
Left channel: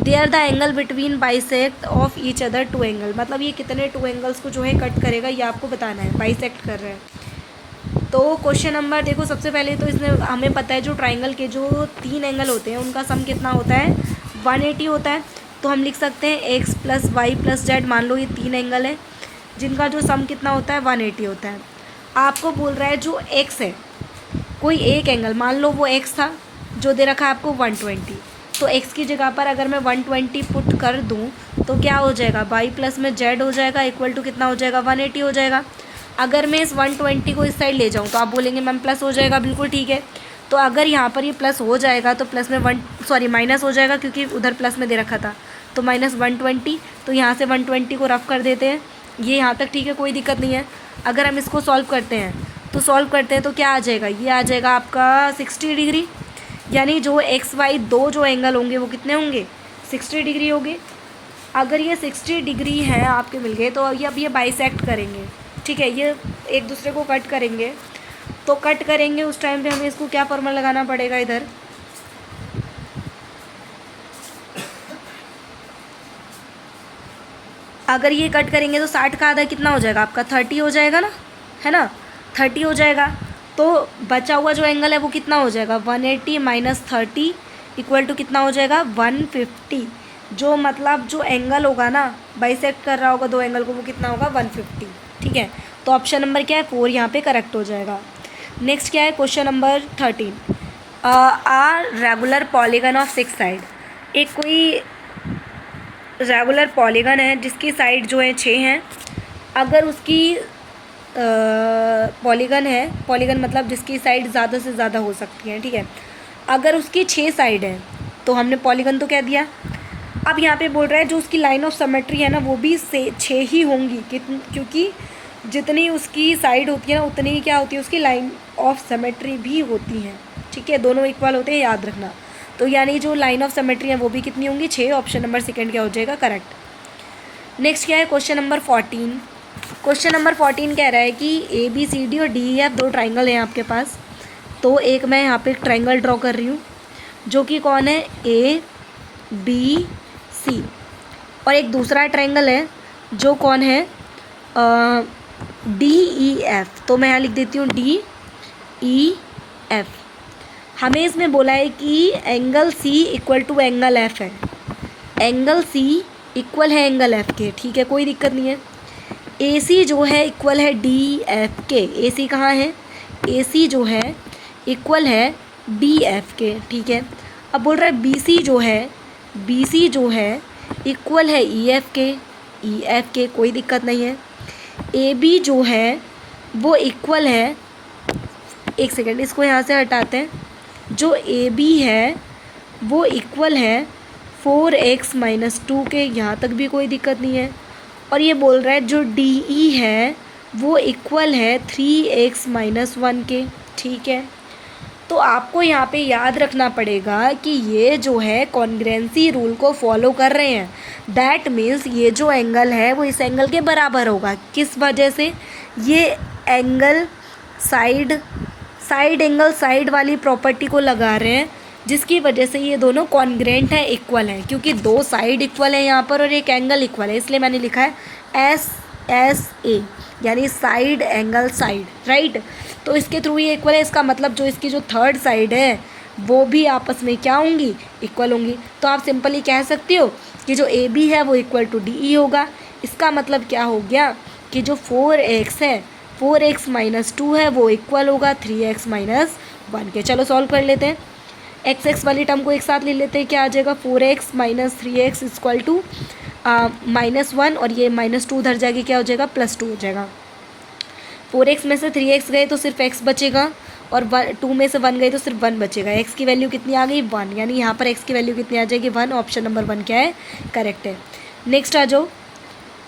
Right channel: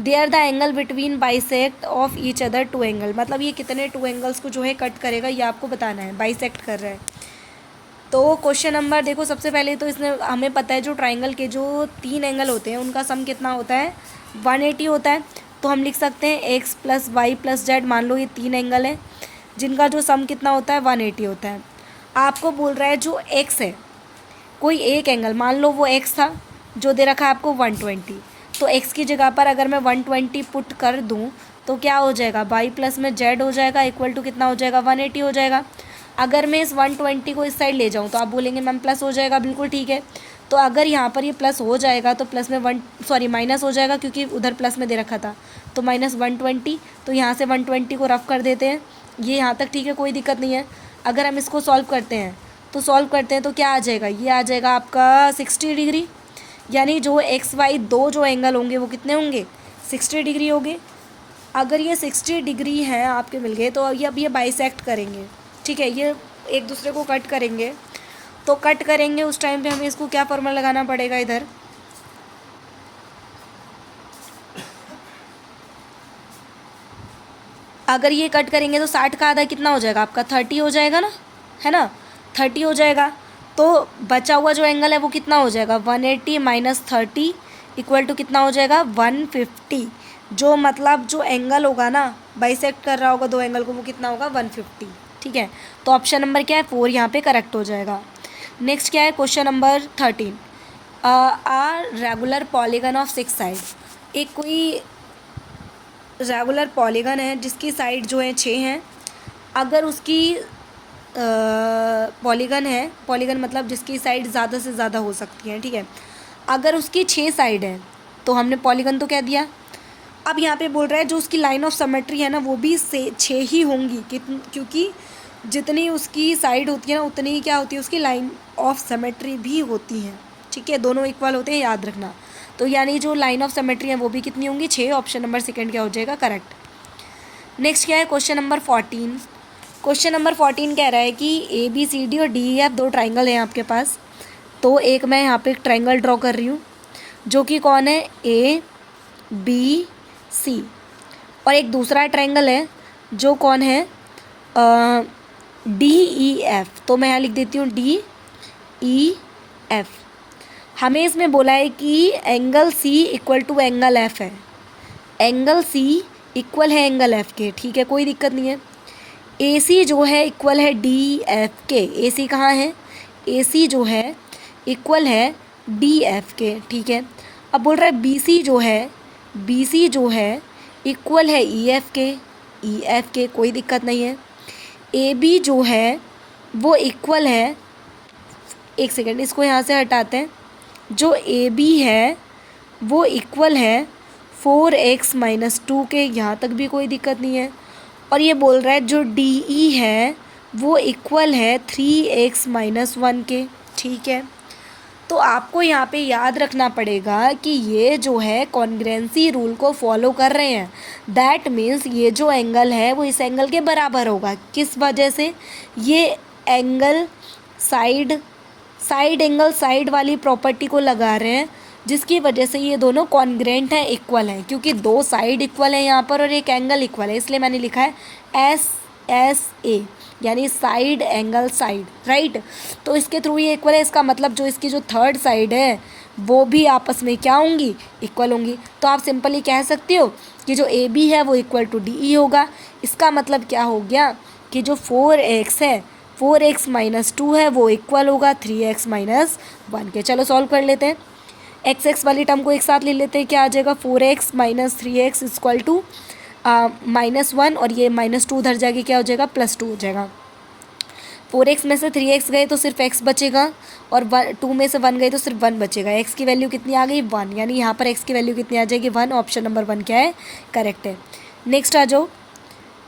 They are the angle between bisect of each other two angle, मतलब ये कितने टू एंगल्स को जो है कट करेगा ये आपको बताना है, बाइसेक्ट कर रहा है। तो क्वेश्चन नंबर देखो, सबसे पहले तो इसमें हमें पता है जो ट्राइंगल के जो 3 एंगल होते हैं उनका सम कितना होता है, 180 होता है। तो हम लिख सकते हैं X plus Y plus Z, मान लो ये 3 एंगल है जिनका जो सम कितना होता है 180 होता है। आपको बोल रहा है जो एक्स है, कोई एक एंगल मान लो वो एक्स था जो दे रखा है आपको 120, तो एक्स की जगह पर अगर मैं 120 पुट कर दूं तो क्या हो जाएगा, वाई प्लस में जेड हो जाएगा इक्वल टू कितना हो जाएगा, 180 हो जाएगा। अगर मैं इस 120 को इस साइड ले जाऊं तो आप बोलेंगे मैम प्लस हो जाएगा, बिल्कुल ठीक है। तो अगर यहाँ पर ये प्लस हो जाएगा तो प्लस में माइनस हो जाएगा क्योंकि उधर प्लस में दे रखा था, तो -120, तो यहाँ से 120 को रफ कर देते हैं, ये यहाँ तक ठीक है, कोई दिक्कत नहीं है। अगर हम इसको सॉल्व करते हैं तो क्या आ जाएगा, ये आ जाएगा आपका 60 डिग्री, यानी जो एक्स वाई दो जो एंगल होंगे वो कितने होंगे, 60 डिग्री होंगे। अगर ये 60 डिग्री है आपके मिल गए तो अब ये बाइसेक्ट करेंगे, ठीक है, ये एक दूसरे को कट करेंगे। तो कट करेंगे उस टाइम पे हमें इसको क्या फॉर्मूला लगाना पड़ेगा, इधर अगर ये कट करेंगे तो 60 का आधा कितना हो जाएगा आपका, 30 हो जाएगा ना, है ना, 30 हो जाएगा। तो बचा हुआ जो एंगल है वो कितना हो जाएगा, 180 माइनस 30 इक्वल टू कितना हो जाएगा, 150। जो मतलब जो एंगल होगा ना बाइसेक्ट कर रहा होगा दो एंगल को, वो कितना होगा, 150, ठीक है। तो ऑप्शन नंबर क्या है, 4 यहाँ पे करेक्ट हो जाएगा। नेक्स्ट क्या है, question number 13, a regular polygon of 6 side, एक कोई रेगुलर पॉलीगन है जिसकी साइड जो है 6 हैं। अगर उसकी पॉलीगन मतलब जिसकी साइड ज़्यादा से ज़्यादा हो सकती है, ठीक है। अगर उसकी 6 साइड है तो हमने पॉलीगन तो कह दिया। अब यहाँ पे बोल रहा है जो उसकी लाइन ऑफ सिमेट्री है ना वो भी 6 ही होंगी, क्योंकि जितनी उसकी साइड होती है ना उतनी ही क्या होती है, उसकी लाइन ऑफ सिमेट्री भी होती है, ठीक है, दोनों इक्वल होते हैं, याद रखना। तो यानी जो लाइन ऑफ सिमेट्री है वो भी कितनी होंगी, 6। ऑप्शन नंबर सेकंड क्या हो जाएगा, करेक्ट। नेक्स्ट क्या है, क्वेश्चन नंबर 14। क्वेश्चन नंबर 14 कह रहा है कि ABCD और DEF दो ट्राइंगल हैं आपके पास। तो एक मैं यहाँ पे एक ट्राइंगल ड्रॉ कर रही हूँ जो कि कौन है, ABC, और एक दूसरा ट्राइंगल है जो कौन है, DEF। तो मैं यहाँ लिख देती हूँ DEF। हमें इसमें बोला है कि angle C equal to angle F है, एंगल C इक्वल है एंगल F के, ठीक है, कोई दिक्कत नहीं है। AC जो है इक्वल है DF के, AC कहाँ है, AC जो है इक्वल है DF के, ठीक है। अब बोल रहा है BC जो है इक्वल है EF के, कोई दिक्कत नहीं है। AB जो है वो इक्वल है, एक सेकेंड इसको यहाँ से हटाते हैं, जो AB है वो इक्वल है 4x माइनस 2 के, यहाँ तक भी कोई दिक्कत नहीं है। और ये बोल रहा है जो DE है वो इक्वल है 3x माइनस 1 के, ठीक है। तो आपको यहाँ पे याद रखना पड़ेगा कि ये जो है कॉन्ग्रुएंसी रूल को फॉलो कर रहे हैं, दैट मीन्स ये जो एंगल है वो इस एंगल के बराबर होगा। किस वजह से, ये एंगल साइड एंगल साइड वाली प्रॉपर्टी को लगा रहे हैं, जिसकी वजह से ये दोनों कॉन्ग्रुएंट है, इक्वल है, क्योंकि दो साइड इक्वल है यहाँ पर और एक एंगल इक्वल है, इसलिए मैंने लिखा है SSA, यानी साइड एंगल साइड, राइट। तो इसके थ्रू ये इक्वल है, इसका मतलब जो इसकी जो थर्ड साइड है वो भी आपस में क्या होंगी, इक्वल होंगी। तो आप सिंपली कह सकते हो कि जो AB है वो इक्वल टू DE होगा। इसका मतलब क्या हो गया कि जो 4x है, 4x माइनस 2 है वो इक्वल होगा 3x माइनस 1 के। चलो सॉल्व कर लेते हैं, x वाली टर्म को एक साथ ले लेते हैं, क्या आ जाएगा, 4x minus 3x equal to -1, और ये -2 उधर जाएगी, क्या हो जाएगा, +2 हो जाएगा। 4x में से 3x गए तो सिर्फ x बचेगा, और 2 में से 1 गए तो सिर्फ 1 बचेगा। x की वैल्यू कितनी आ गई, 1, यानी यहाँ पर x की वैल्यू कितनी आ जाएगी, 1। ऑप्शन नंबर 1 क्या है, करेक्ट है। नेक्स्ट आ जाओ,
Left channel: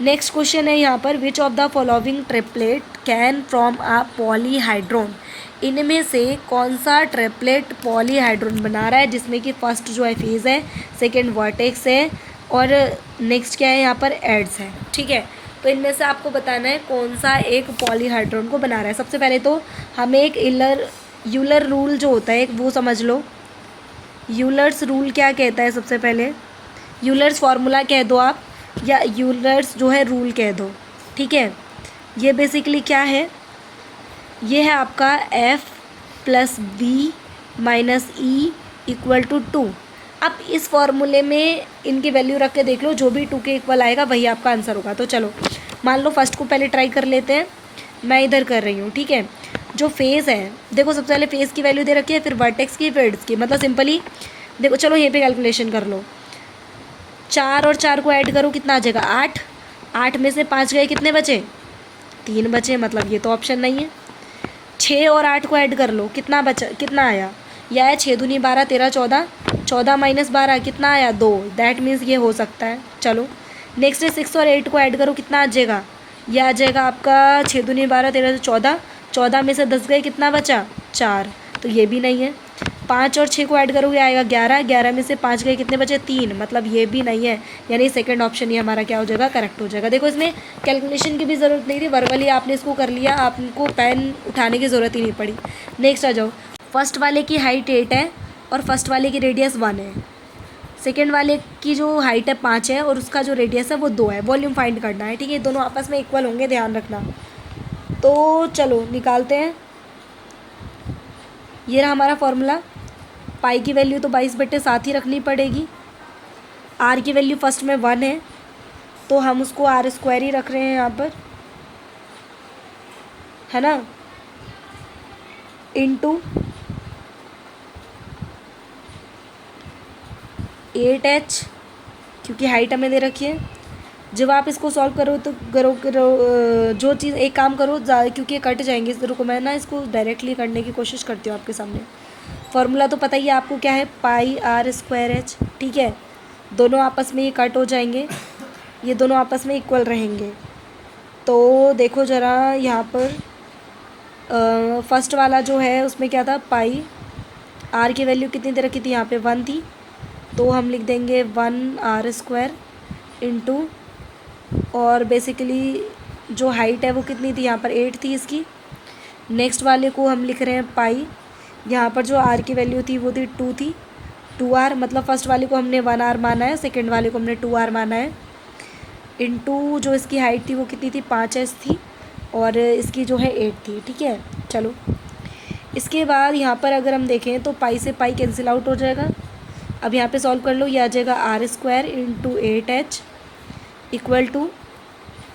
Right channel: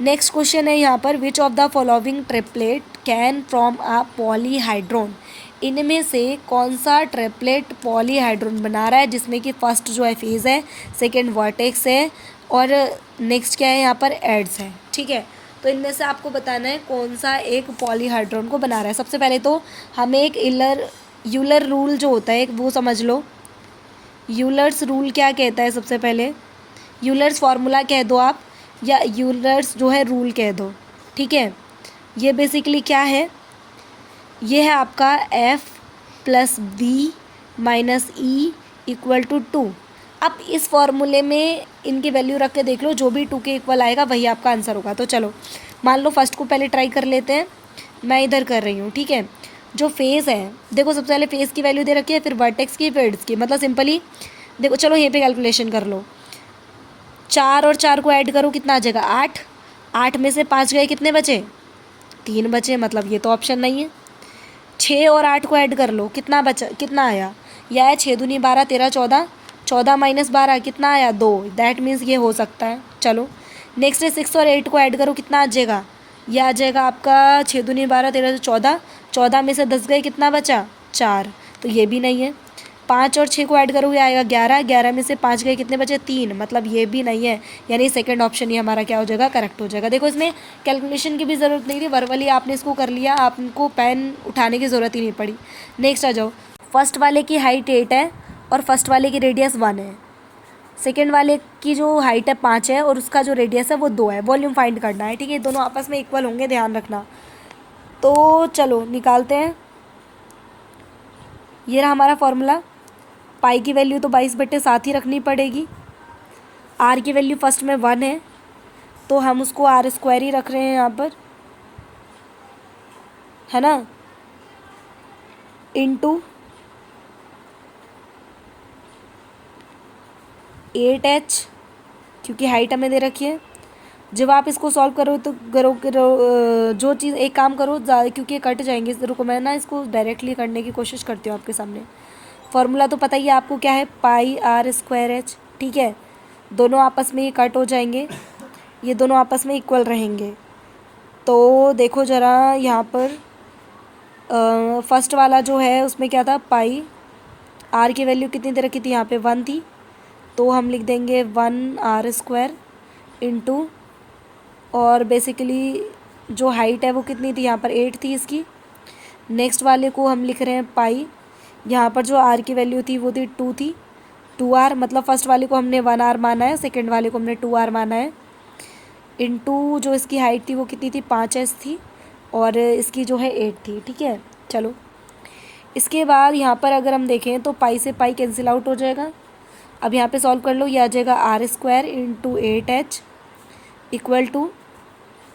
नेक्स्ट क्वेश्चन है यहाँ पर, which of the following triplet can from a polyhedron, इनमें से कौन सा ट्रिपलेट पॉलीहाइड्रोन बना रहा है, जिसमें कि फर्स्ट जो है फेज है, सेकेंड वर्टेक्स है, और नेक्स्ट क्या है यहाँ पर एड्स है, ठीक है। तो इनमें से आपको बताना है कौन सा एक पॉलीहाइड्रोन को बना रहा है। सबसे पहले तो हमें एक यूलर रूल जो होता है एक वो समझ लो। यूलर्स रूल क्या कहता है? सबसे पहले यूलर्स फार्मूला कह दो आप, या यूलर्स जो है रूल कह दो, ठीक है। ये बेसिकली क्या है? ये है आपका F + B - E = 2। अब इस फॉर्मूले में इनकी वैल्यू रख के देख लो, जो भी 2 के इक्वल आएगा वही आपका आंसर होगा। तो चलो मान लो फर्स्ट को पहले ट्राई कर लेते हैं, मैं इधर कर रही हूँ, ठीक है। जो फेज़ है देखो, सबसे पहले फेज़ की वैल्यू दे रखी है, फिर वर्टेक्स की, फिर एड्स की। मतलब सिंपली देखो, चलो यहीं पे कैलकुलेशन कर लो। 4 और 4 को ऐड करो, कितना आ जाएगा? 8। 8 में से 5 गए, कितने बचे? 3 बचे, मतलब ये तो ऑप्शन नहीं है। 6 और 8 को ऐड कर लो, कितना बचा, कितना आया? यह है 6 दूनी 12, 13 14, 14 - 12 कितना आया? 2। दैट मीन्स ये हो सकता है। चलो नेक्स्ट है 6 और 8 को ऐड करो, कितना आ जाएगा? यह आ जाएगा आपका 6 दूनी 12, 13 14, 14 में से 10 गए, कितना बचा? 4। तो ये भी नहीं है। 5 और 6 को ऐड करोगे आएगा 11, 11 में से 5 गए, कितने बचे? 3। मतलब ये भी नहीं है, यानी सेकंड ऑप्शन ही हमारा क्या हो जाएगा? करेक्ट हो जाएगा। देखो इसमें कैलकुलेशन की भी ज़रूरत नहीं थी, वर्बली आपने इसको कर लिया, आपको पेन उठाने की ज़रूरत ही नहीं पड़ी। नेक्स्ट आ जाओ। फर्स्ट वाले की हाइट 8 है और फर्स्ट वाले की रेडियस 1 है। सेकेंड वाले की जो हाइट है 5 है और उसका जो रेडियस है वो 2 है। वॉल्यूम फाइंड करना है, ठीक है। दोनों आपस में इक्वल होंगे, ध्यान रखना। तो चलो निकालते हैं। ये रहा हमारा फॉर्मूला। पाई की वैल्यू तो 22/7 ही रखनी पड़ेगी। आर की वैल्यू फर्स्ट में 1 है, तो हम उसको r² ही रख रहे हैं यहाँ पर, है ना, इंटू 8h, क्योंकि हाइट हमें दे रखी है। जब आप इसको सॉल्व करो तो करो जो चीज़, एक काम करो क्योंकि ये कट जाएंगे, इस रुको मैं ना इसको डायरेक्टली करने की कोशिश करती हूँ आपके सामने। फार्मूला तो पता ही है आपको क्या है, पाई r²h, ठीक है। दोनों आपस में ये कट हो जाएंगे, ये दोनों आपस में इक्वल रहेंगे। तो देखो ज़रा यहाँ पर फर्स्ट वाला जो है उसमें क्या था, पाई, आर की वैल्यू कितनी दे रखी थी? यहाँ पे 1 थी, तो हम लिख देंगे 1r² इंटू, और बेसिकली जो हाइट है वो कितनी थी? यहाँ पर 8 थी इसकी। नेक्स्ट वाले को हम लिख रहे हैं पाई, यहाँ पर जो r की वैल्यू थी वो थी 2 थी, 2r, मतलब फर्स्ट वाले को हमने 1r माना है, सेकेंड वाले को हमने 2r माना है, इंटू जो इसकी हाइट थी वो कितनी थी? 5h थी, और इसकी जो है 8 थी, ठीक है। चलो इसके बाद यहाँ पर अगर हम देखें तो पाई से पाई कैंसिल आउट हो जाएगा। अब यहाँ पे सॉल्व कर लो, ये आ जाएगा r² into 8h equal to,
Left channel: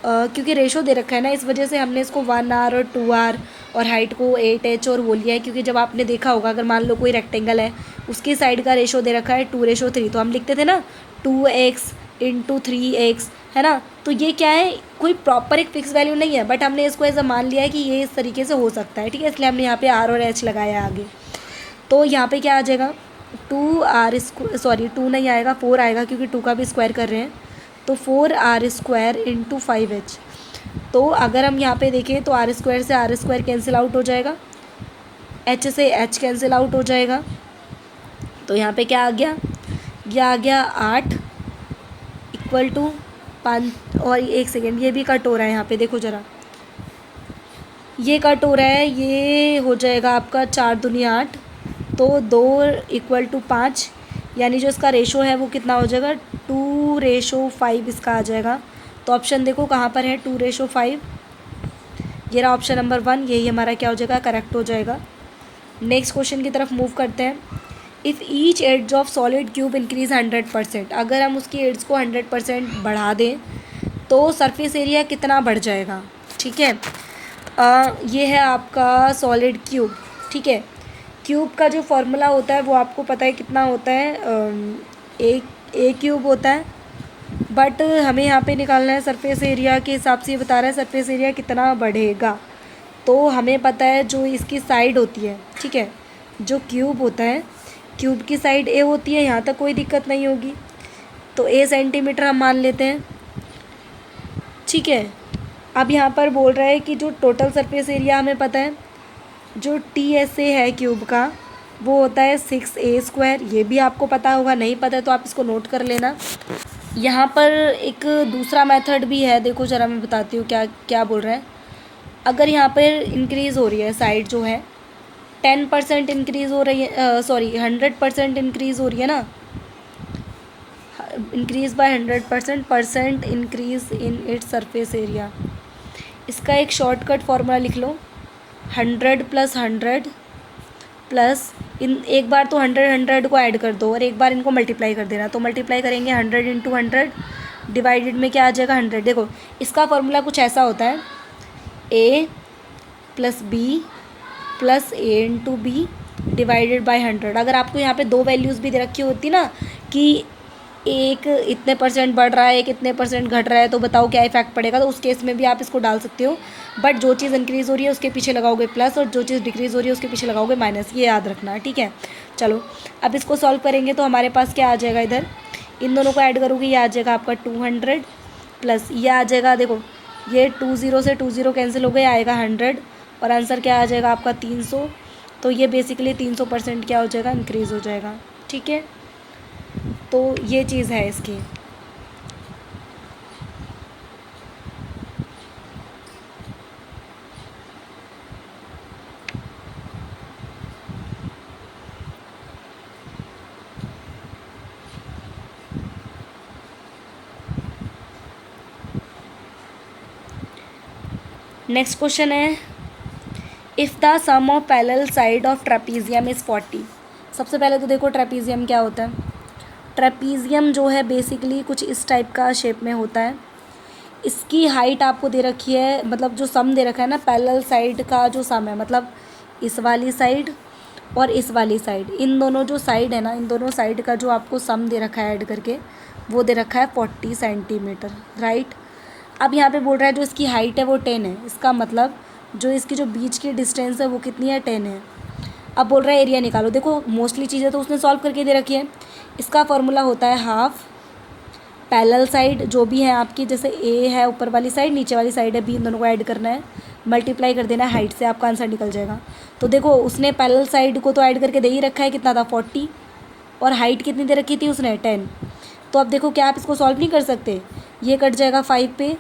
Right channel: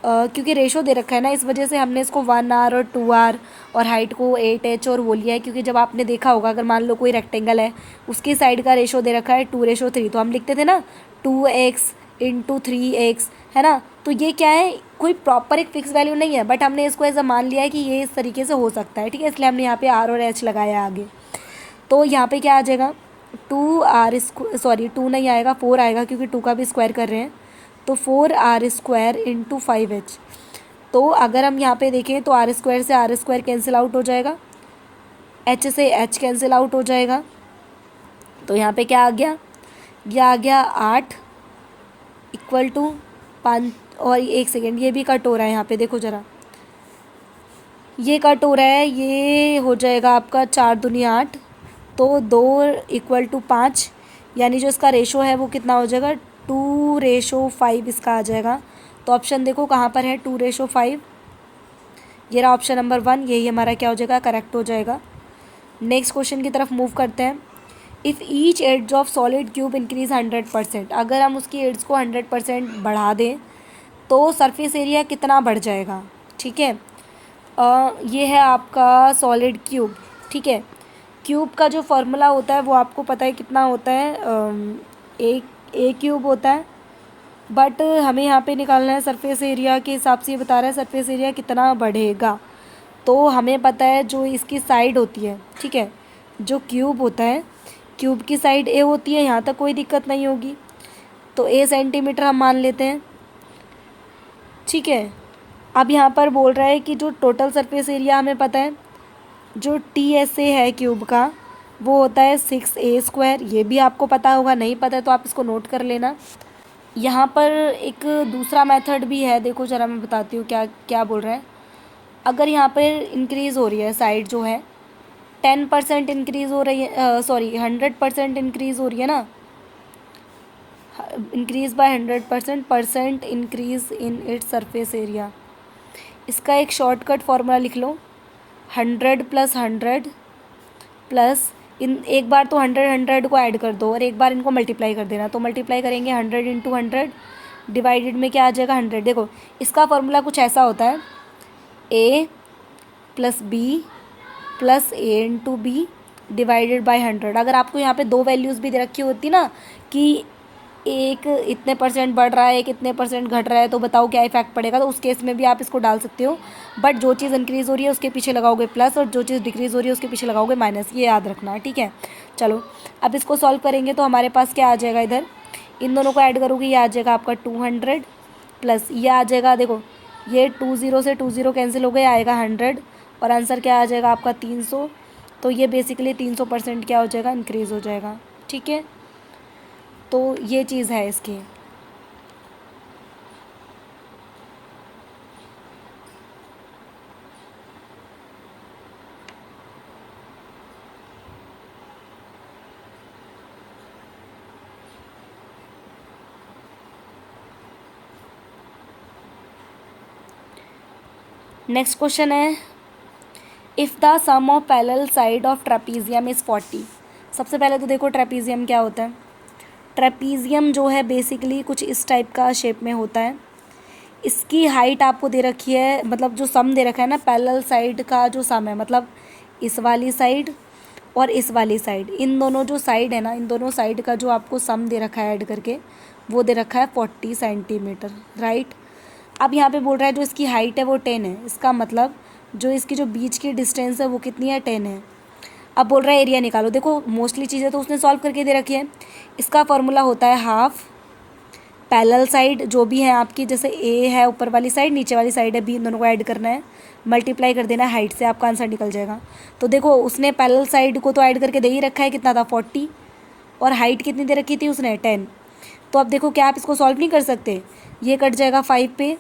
क्योंकि रेशो दे रखा है ना, इस वजह से हमने इसको 1r और 2r और हाइट को 8h और वो लिया है। क्योंकि जब आपने देखा होगा, अगर मान लो कोई रेक्टेंगल है, उसकी साइड का रेशो दे रखा है 2:3, तो हम लिखते थे ना 2x इंटू 3x, है ना। तो ये क्या है, कोई प्रॉपर एक फिक्स वैल्यू नहीं है, बट हमने इसको ऐसा मान लिया है कि ये इस तरीके से हो सकता है, ठीक है। इसलिए हमने यहाँ पे r और h लगाया आगे। तो यहाँ पे क्या आ जाएगा, 2 नहीं आएगा, 4 आएगा, क्योंकि 2 का भी स्क्वायर कर रहे हैं। तो 4r² इंटू 5h। तो अगर हम यहाँ पे देखें तो r² से r² कैंसिल आउट हो जाएगा, h से h कैंसिल आउट हो जाएगा। तो यहाँ पे क्या आ गया, यह आ गया 8 इक्वल टू 5, और 1 सेकेंड, ये भी कट हो रहा है यहाँ पे, देखो ज़रा ये कट हो रहा है, ये हो जाएगा आपका 4 दूनी 8, तो 2 इक्वल टू 5, यानी जो इसका रेशो है वो कितना हो जाएगा, 2:5 इसका आ जाएगा। तो ऑप्शन देखो कहाँ पर है, 2:5। ये रहा ऑप्शन नंबर 1, यही हमारा क्या हो जाएगा, करेक्ट हो जाएगा। नेक्स्ट क्वेश्चन की तरफ मूव करते हैं। If each edge of solid cube increase 100%, अगर हम उसकी एड्स को 100% बढ़ा दें तो सरफेस एरिया कितना बढ़ जाएगा, ठीक है। ये है आपका सॉलिड क्यूब, ठीक है। क्यूब का जो फॉर्मूला होता है वो आपको पता है कितना होता है, ए क्यूब होता है, बट हमें यहाँ पे निकालना है सरफेस एरिया के हिसाब से, ये बता रहा है सरफेस एरिया कितना बढ़ेगा। तो हमें पता है जो इसकी साइड होती है, ठीक है, जो क्यूब होता है, क्यूब की साइड ए होती है, यहाँ तक कोई दिक्कत नहीं होगी, तो a सेंटीमीटर हम मान लेते हैं, ठीक है। अब यहाँ पर बोल रहा है कि जो टोटल सरफेस एरिया हमें पता है, जो TSA है क्यूब का, वो होता है 6a²। ये भी आपको पता होगा, नहीं पता है तो आप इसको नोट कर लेना। यहाँ पर एक दूसरा मेथड भी है, देखो ज़रा मैं बताती हूँ क्या क्या बोल रहे हैं। अगर यहाँ पर इंक्रीज़ हो रही है साइड जो है 10% इंक्रीज़ हो रही है, सॉरी 100% इंक्रीज़ हो रही है ना, increase by 100% increase in its surface area. इसका एक शॉर्टकट फार्मूला लिख लो, 100 + 100 प्लस इन एक बार तो 100 को ऐड कर दो और एक बार इनको मल्टीप्लाई कर देना। तो मल्टीप्लाई करेंगे 100 × 100 डिवाइडेड में क्या आ जाएगा 100। देखो इसका फॉर्मूला कुछ ऐसा होता है, a + b + a × b divided by 100। अगर आपको यहाँ पे दो वैल्यूज़ भी दे रखी होती ना कि एक इतने % बढ़ रहा है, एक इतने % घट रहा है, तो बताओ क्या इफेक्ट पड़ेगा, तो उस केस में भी आप इसको डाल सकते हो। बट जो चीज़ इंक्रीज़ हो रही है उसके पीछे लगाओगे प्लस और जो चीज़ डिक्रीज़ हो रही है उसके पीछे लगाओगे माइनस, ये याद रखना है, ठीक है। चलो अब इसको सॉल्व करेंगे तो हमारे पास क्या आ जाएगा, इधर इन दोनों को ऐड करोगे ये आ जाएगा आपका 200 प्लस ये आ जाएगा, देखो ये 20 से 20 कैंसिल हो गए, आएगा 100 और आंसर क्या आ जाएगा आपका 300। तो ये बेसिकली 300% क्या हो जाएगा, इंक्रीज़ हो जाएगा, ठीक है। तो ये चीज़ है इसकी। नेक्स्ट क्वेश्चन है, if the sum of parallel side of trapezium is 40। सबसे पहले तो देखो ट्रेपीजियम क्या होता है। ट्रेपीजियम जो है बेसिकली कुछ इस टाइप का शेप में होता है। इसकी हाइट आपको दे रखी है, मतलब जो सम दे रखा है ना पैरेलल साइड का जो सम है, मतलब इस वाली साइड और इस वाली साइड, इन दोनों जो साइड है ना, इन दोनों साइड का जो आपको सम दे रखा है ऐड करके, वो दे रखा है 40 सेंटीमीटर, राइट। अब यहाँ पे बोल रहा है जो इसकी हाइट है वो 10 है, इसका मतलब जो इसकी जो बीच की डिस्टेंस है वो कितनी है, 10 है। अब बोल रहा है एरिया निकालो। देखो मोस्टली चीज़ें तो उसने सॉल्व करके दे रखी है। इसका फॉर्मूला होता है हाफ पैरेलल साइड जो भी है आपकी, जैसे ए है ऊपर वाली साइड, नीचे वाली साइड है बी, इन दोनों को ऐड करना है, मल्टीप्लाई कर देना है हाइट से, आपका आंसर निकल जाएगा। तो देखो उसने पैरेलल साइड को तो ऐड करके दे ही रखा है, कितना था 40, और हाइट कितनी दे रखी थी उसने 10। तो अब देखो क्या आप इसको सॉल्व नहीं कर सकते, ये कट जाएगा 5 पे,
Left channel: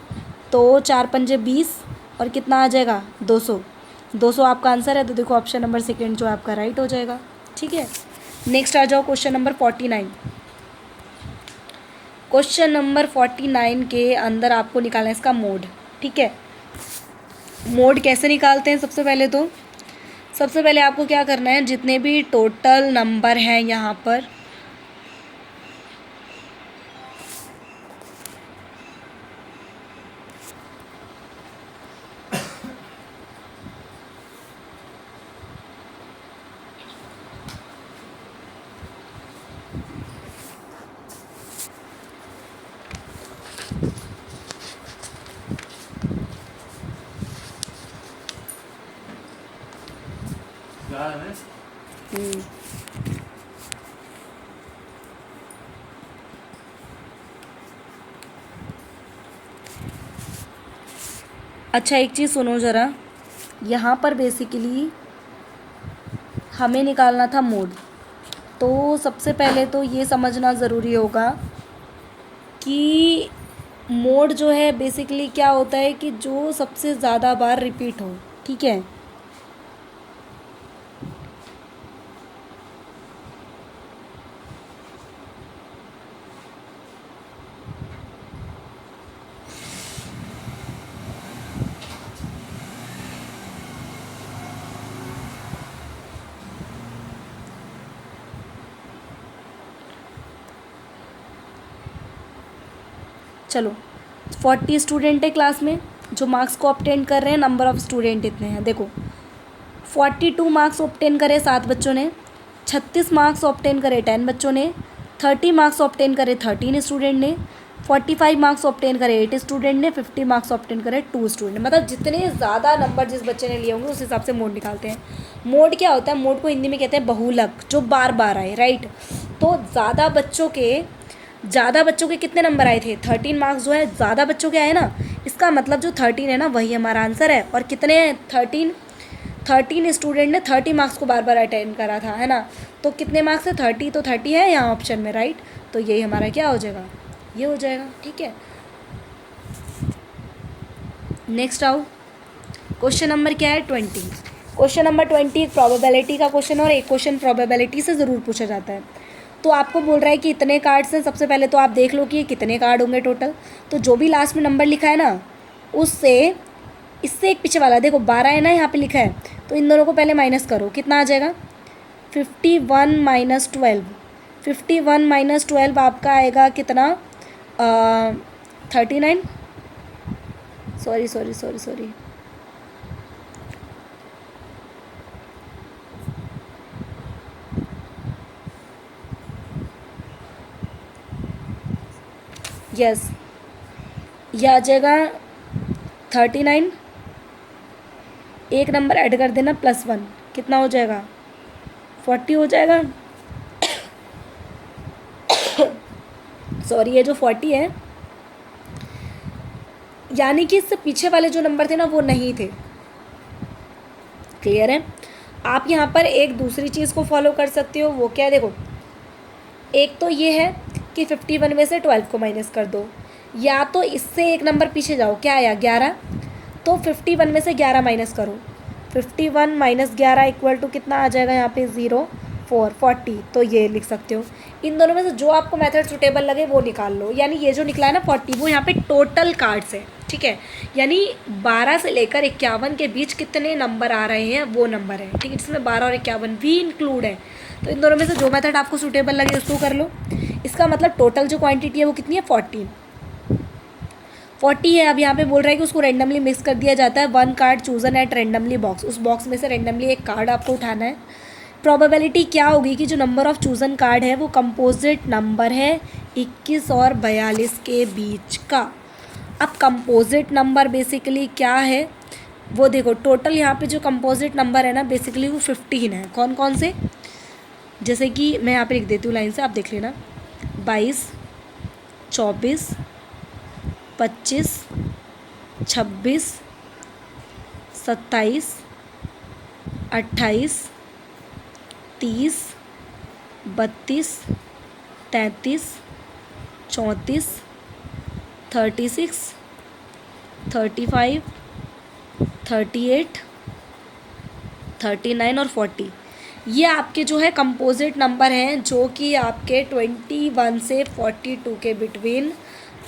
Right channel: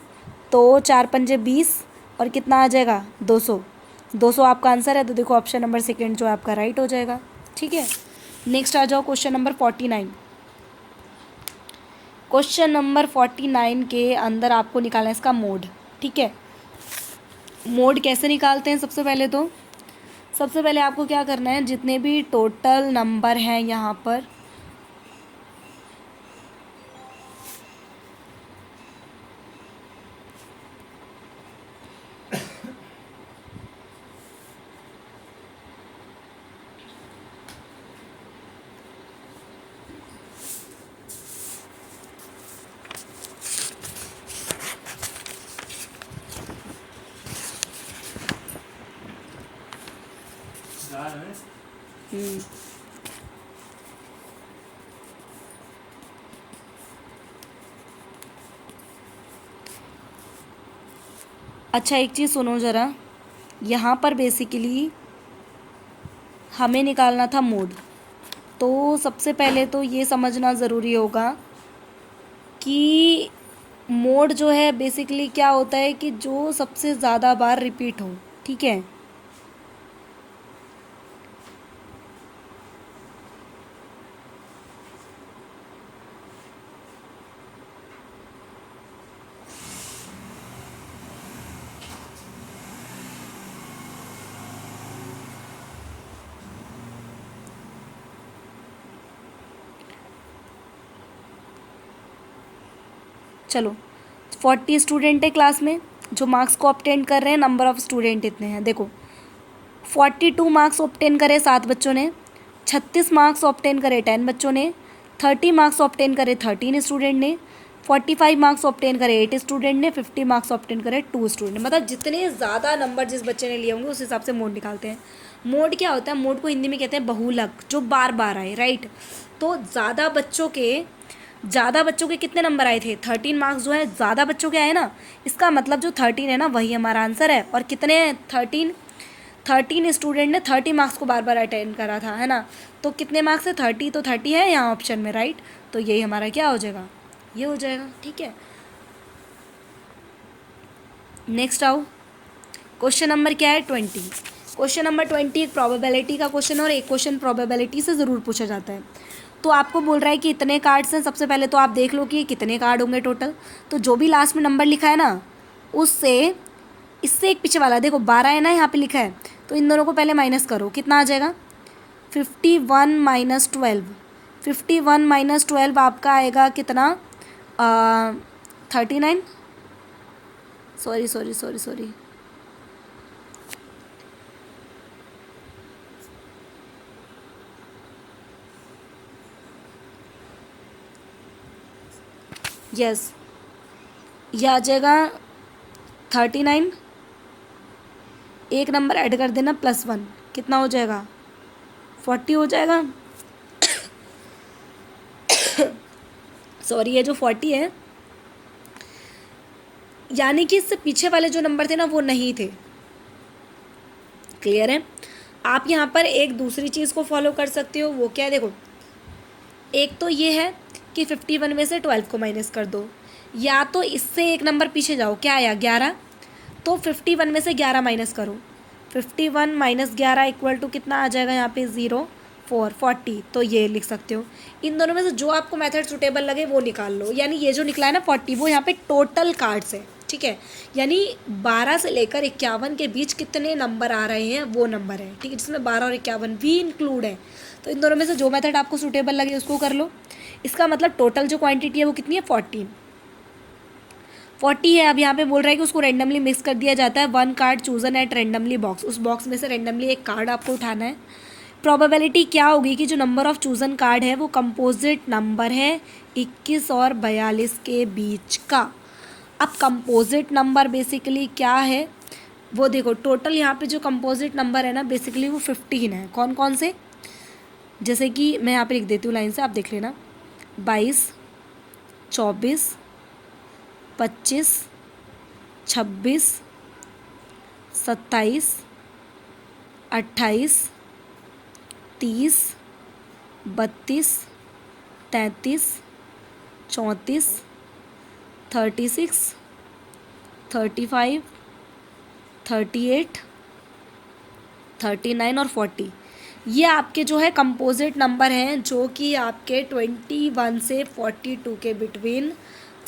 तो 4 पंजे 20 और कितना आ जाएगा 200। 200 आपका आंसर है, तो देखो ऑप्शन नंबर सेकेंड जो आपका राइट हो जाएगा, ठीक है। नेक्स्ट आ जाओ क्वेश्चन नंबर 49। क्वेश्चन नंबर 49 के अंदर आपको निकालना है इसका मोड, ठीक है। मोड कैसे निकालते हैं, सबसे पहले आपको क्या करना है, जितने भी टोटल नंबर हैं यहाँ पर, अच्छा एक चीज़ सुनो ज़रा, यहाँ पर बेसिकली हमें निकालना था मोड। तो सबसे पहले तो ये समझना ज़रूरी होगा कि मोड जो है बेसिकली क्या होता है कि जो सबसे ज़्यादा बार रिपीट हो, ठीक है। चलो 40 स्टूडेंट है क्लास में जो मार्क्स को ऑब्टेन कर रहे हैं, नंबर ऑफ़ स्टूडेंट इतने हैं। देखो 42 मार्क्स ऑब्टेन करे 7 बच्चों ने, 36 मार्क्स ऑब्टेन करे 10 बच्चों ने, 30 मार्क्स ऑब्टेन करे 13 स्टूडेंट ने, 45 मार्क्स ऑब्टेन करे 8 स्टूडेंट ने, 50 मार्क्स ऑब्टेन करे 2 स्टूडेंट। मतलब जितने ज़्यादा नंबर जिस बच्चे ने लिए होंगे उस हिसाब से मोड निकालते हैं। मोड क्या होता है, मोड को हिंदी में कहते हैं बहुलक, जो बार बार आए, राइट। तो ज़्यादा बच्चों के कितने नंबर आए थे, 13 मार्क्स जो है ज़्यादा बच्चों के आए ना, इसका मतलब जो 13 है ना वही हमारा आंसर है। और कितने 13 स्टूडेंट ने 30 मार्क्स को बार बार अटेंड करा था, है ना। तो कितने मार्क्स है 30, तो 30 है यहाँ ऑप्शन में, राइट। तो यही हमारा क्या हो जाएगा, ये हो जाएगा, ठीक है। नेक्स्ट आओ, क्वेश्चन नंबर क्या है 20। क्वेश्चन नंबर 20 एक प्रोबेबिलिटी का क्वेश्चन और एक क्वेश्चन प्रोबेबिलिटी से ज़रूर पूछा जाता है। तो आपको बोल रहा है कि इतने कार्ड्स हैं, सबसे पहले तो आप देख लो कि ये कितने कार्ड होंगे टोटल। तो जो भी लास्ट में नंबर लिखा है ना, उससे इससे एक पीछे वाला देखो 12 है ना यहाँ पे लिखा है, तो इन दोनों को पहले माइनस करो, कितना आ जाएगा 51 माइनस 12। 51 माइनस 12 आपका आएगा कितना 39, sorry sorry sorry sorry, yes, ये आ जाएगा 39, एक नंबर ऐड कर देना +1, कितना हो जाएगा 40 हो जाएगा। सॉरी, ये जो 40 है यानी कि इससे पीछे वाले जो नंबर थे ना वो नहीं थे। क्लियर है। आप यहाँ पर एक दूसरी चीज़ को फॉलो कर सकते हो, वो क्या है देखो, एक तो ये है कि 51 में से 12 को माइनस कर दो, या तो इससे एक नंबर पीछे जाओ, क्या आया 11, तो 51 में से 11 माइनस करो, 51 माइनस 11 इक्वल टू कितना आ जाएगा यहाँ पे 0 4 40। तो ये लिख सकते हो। इन दोनों में से जो आपको मेथड सुटेबल लगे वो निकाल लो। यानी ये जो निकला है ना 40, वो यहाँ पे टोटल कार्ड्स है, ठीक है। यानी 12 से लेकर 51 के बीच कितने नंबर आ रहे हैं वो नंबर है, ठीक है, जिसमें 12 और 51 भी इंक्लूड है। तो इन दोनों में से जो मेथड आपको सूटेबल लगे उसको कर लो। इसका मतलब टोटल जो क्वांटिटी है वो कितनी है 40 है। अब यहाँ पे बोल रहा है कि उसको रेंडमली मिक्स कर दिया जाता है। 1 card chosen at randomly box, उस बॉक्स में से रेंडमली एक कार्ड आपको उठाना है। प्रोबेबिलिटी क्या होगी कि जो नंबर ऑफ चूजन कार्ड है वो कंपोजिट नंबर है 21 और 42 के बीच का। अब कंपोजिट नंबर बेसिकली क्या है वो देखो, टोटल यहाँ पे जो कंपोजिट नंबर है ना बेसिकली वो 15 है। कौन कौन से, जैसे कि मैं यहाँ पे लिख देती हूँ लाइन से, आप देख लेना, 22 24 25 26 27 28 30 32 33 34 36 35 38 39 और 40, ये आपके जो है कंपोजिट नंबर हैं जो कि आपके 21 से 42 के बिटवीन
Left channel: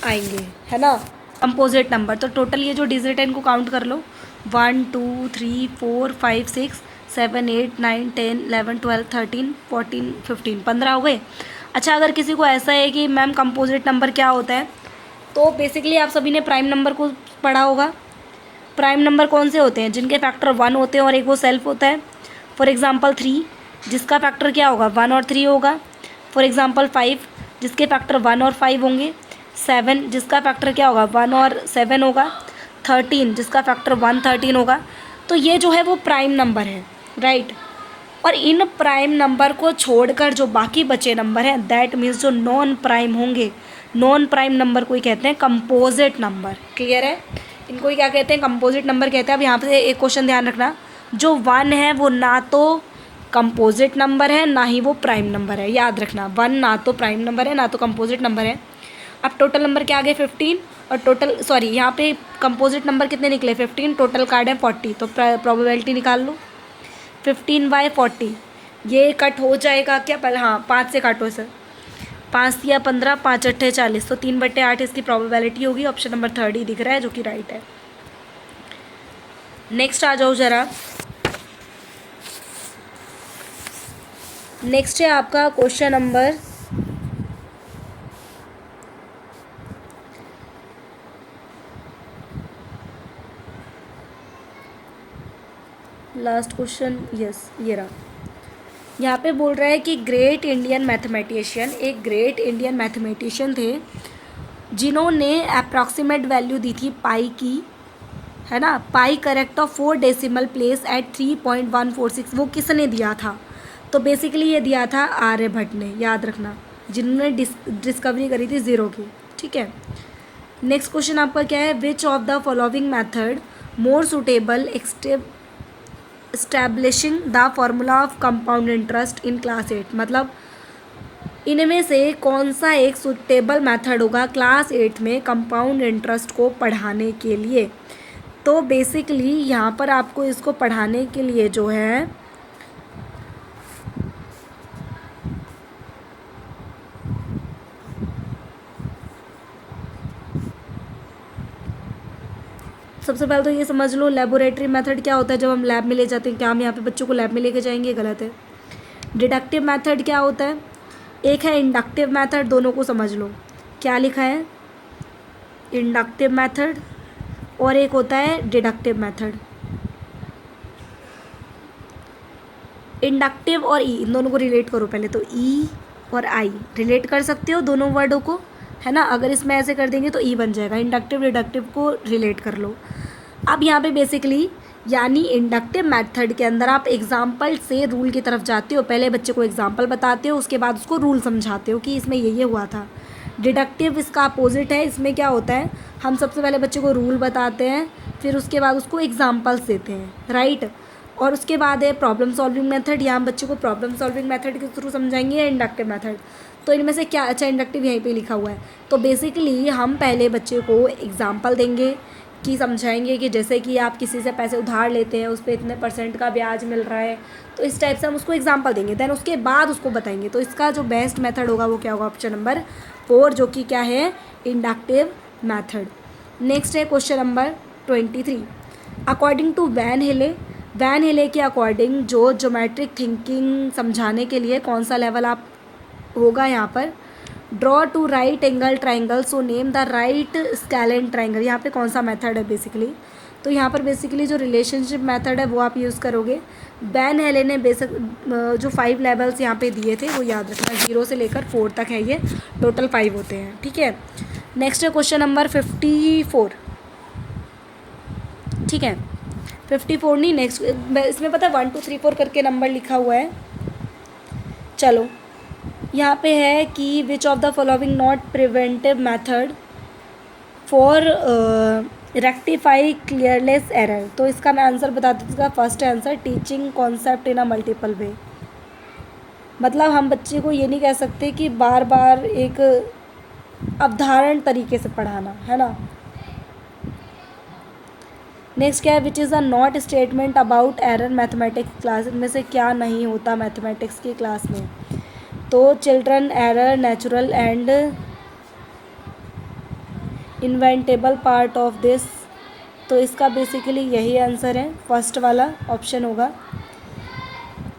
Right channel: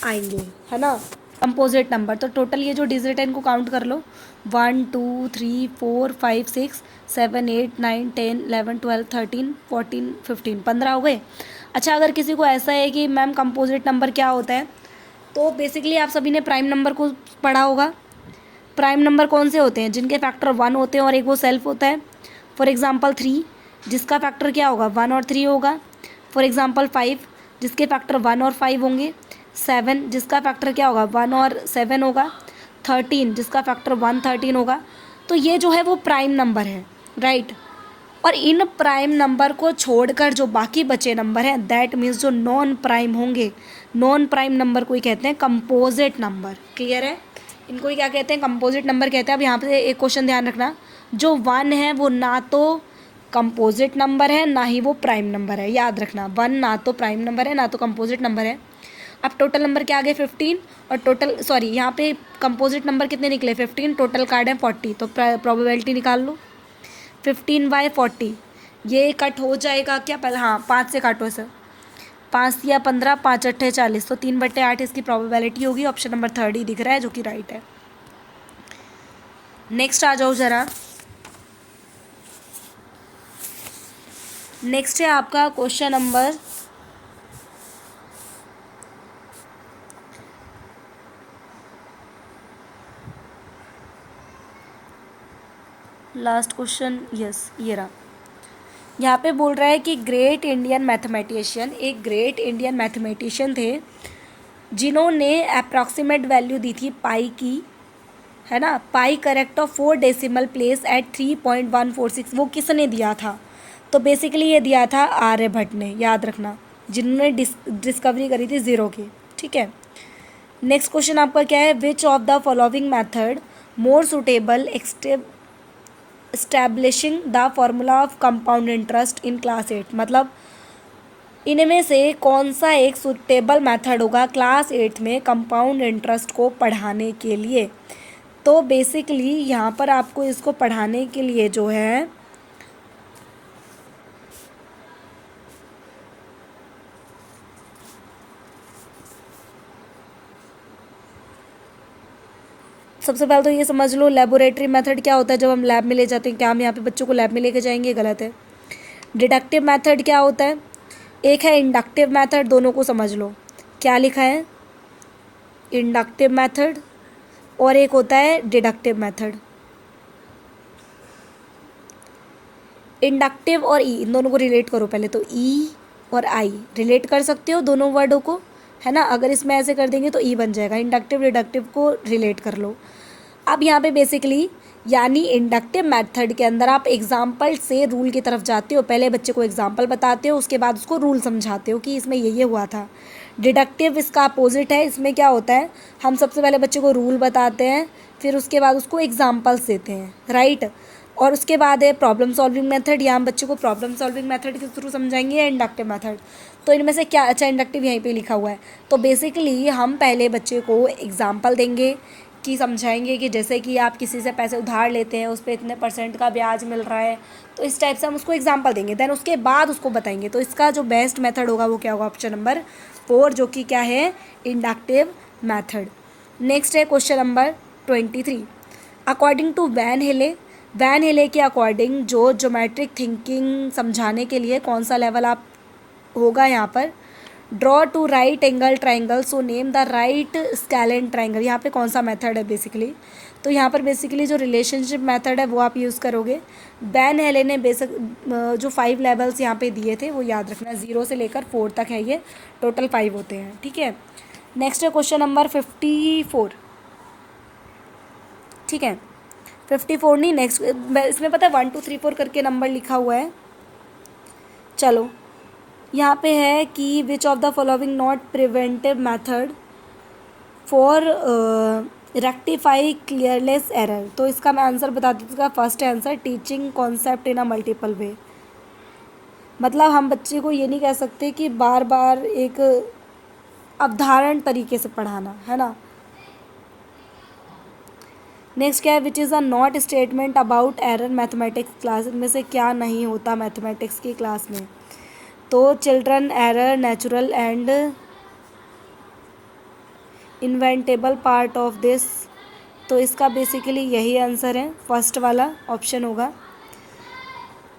आएंगे, है ना, कंपोजिट नंबर। तो टोटल ये जो डिजिट है इनको काउंट कर लो, 1 2 3 4 5 6 7 8 9 10 11 12 13 14 15 15 हो गए। अच्छा, अगर किसी को ऐसा है कि मैम कंपोजिट नंबर क्या होता है, तो बेसिकली आप सभी ने प्राइम नंबर को पढ़ा होगा। प्राइम नंबर कौन से होते हैं, जिनके फैक्टर 1 होते हैं और एक वो सेल्फ होता है। फॉर एग्जांपल 3, जिसका फैक्टर क्या होगा 1 और 3 होगा। फॉर एग्जांपल 5, जिसके फैक्टर 1 और 5 होंगे। 7, जिसका फैक्टर क्या होगा 1 और 7 होगा। 13, जिसका फैक्टर 1 13 होगा। तो ये जो है वो प्राइम नंबर है, राइट। और इन प्राइम नंबर को छोड़कर जो बाकी बचे नंबर हैं, दैट मीन्स जो नॉन प्राइम होंगे, नॉन प्राइम नंबर को ही कहते हैं कंपोजिट नंबर। क्लियर है, इनको ही क्या कहते हैं, कंपोजिट नंबर कहते हैं। अब यहाँ पे एक क्वेश्चन ध्यान रखना, जो 1 है वो ना तो कंपोजिट नंबर है ना ही वो प्राइम नंबर है, याद रखना। 1 ना तो प्राइम नंबर है ना तो कंपोजिट नंबर है। अब टोटल नंबर क्या आ गए 15, और टोटल सॉरी यहाँ पे कंपोजिट नंबर कितने निकले 15, टोटल कार्ड है 40। तो प्रोबेबिलिटी निकाल लो, 15/40, ये कट हो जाएगा क्या पहले, हाँ 5 से काटो सर, 5 या 15, 5 8 40, तो 3/8 इसकी प्रोबेबिलिटी होगी। ऑप्शन नंबर 3 ही दिख रहा है जो कि राइट है। नेक्स्ट आ जाओ ज़रा, नेक्स्ट है आपका question number last question, yes ये रहा। यहाँ पे बोल रहा है कि ग्रेट इंडियन मैथमेटिशियन, एक ग्रेट इंडियन मैथमेटिशियन थे जिन्होंने अप्रॉक्सीमेट वैल्यू दी थी पाई की, है ना, pi correct of 4 decimal place at 3.146, वो किसने दिया था, तो बेसिकली ये दिया था आर्यभट्ट ने, याद रखना, जिन्होंने डिस्कवरी करी थी ज़ीरो की, ठीक है। नेक्स्ट क्वेश्चन आपका क्या है, which of the following method more suitable establishing the formula of compound interest in class 8, मतलब इनमें से कौन सा एक सुटेबल मेथड होगा क्लास 8 में कंपाउंड इंटरेस्ट को पढ़ाने के लिए? तो बेसिकली यहाँ पर आपको इसको पढ़ाने के लिए जो है सबसे पहले तो ये समझ लो लेबोरेटरी मेथड क्या होता है। जब हम लैब में ले जाते हैं, क्या हम यहाँ पे बच्चों को लैब में लेके जाएंगे? गलत है। डिडक्टिव मेथड क्या होता है? एक है इंडक्टिव मेथड, दोनों को समझ लो। क्या लिखा है? इंडक्टिव मेथड, और एक होता है डिडक्टिव मेथड। इंडक्टिव और ई, इन दोनों को रिलेट करो पहले। तो ई और आई रिलेट कर सकते हो दोनों वर्डों को, है ना। अगर इसमें ऐसे कर देंगे तो ई बन जाएगा। इंडक्टिव डिडक्टिव को रिलेट कर लो। अब यहाँ पे बेसिकली यानी इंडक्टिव मेथड के अंदर आप एग्जाम्पल से रूल की तरफ जाते हो। पहले बच्चे को एग्जाम्पल बताते हो, उसके बाद उसको रूल समझाते हो कि इसमें ये हुआ था। डिडक्टिव इसका अपोजिट है। इसमें क्या होता है, हम सबसे पहले बच्चे को रूल बताते हैं, फिर उसके बाद उसको एग्जाम्पल्स देते हैं, राइट। और उसके बाद है प्रॉब्लम सॉल्विंग मेथड। यहाँ हम बच्चे को प्रॉब्लम सॉल्विंग मेथड के थ्रू समझाएंगे या इंडक्टिव मेथड। तो इनमें से क्या अच्छा, इंडक्टिव यहीं पे लिखा हुआ है। तो बेसिकली हम पहले बच्चे को एग्जाम्पल देंगे कि समझाएंगे कि जैसे कि आप किसी से पैसे उधार लेते हैं, उस पर इतने % का ब्याज मिल रहा है, तो इस टाइप से हम उसको एग्जाम्पल देंगे। देन उसके बाद उसको बताएंगे। तो इसका जो बेस्ट मेथड होगा वो क्या होगा? ऑप्शन नंबर 4, जो कि क्या है? Inductive method. नेक्स्ट है question number 23। According to van Hiele के अकॉर्डिंग जो ज्योमेट्रिक थिंकिंग समझाने के लिए कौन सा लेवल आप होगा यहाँ पर? Draw two right angle triangle, so name the right scalene triangle. यहाँ पे कौन सा मेथड है बेसिकली? तो यहाँ पर बेसिकली जो रिलेशनशिप मेथड है वो आप यूज़ करोगे। वैन हेले ने बेसिक जो 5 लेवल्स यहाँ पे दिए थे वो याद रखना, 0 से लेकर 4 तक है, ये टोटल 5 होते हैं, ठीक है। नेक्स्ट है क्वेश्चन नंबर 54, ठीक है। 54 नहीं, नेक्स्ट इसमें पता है 1 2 3 4 करके नंबर लिखा हुआ है। चलो यहाँ पे है कि which of the following not preventive method for rectify careless error. तो इसका मैं आंसर बता दूँ। इसका first answer teaching concept in a multiple way. मतलब हम बच्चे को ये नहीं कह सकते कि बार बार एक अवधारण तरीके से पढ़ाना, है ना। नेक्स्ट क्या है? Which is a not statement about error mathematics class. इनमें से क्या नहीं होता मैथमेटिक्स की क्लास में? तो children error natural and inevitable part of this. तो इसका बेसिकली यही आंसर है, फर्स्ट वाला ऑप्शन होगा।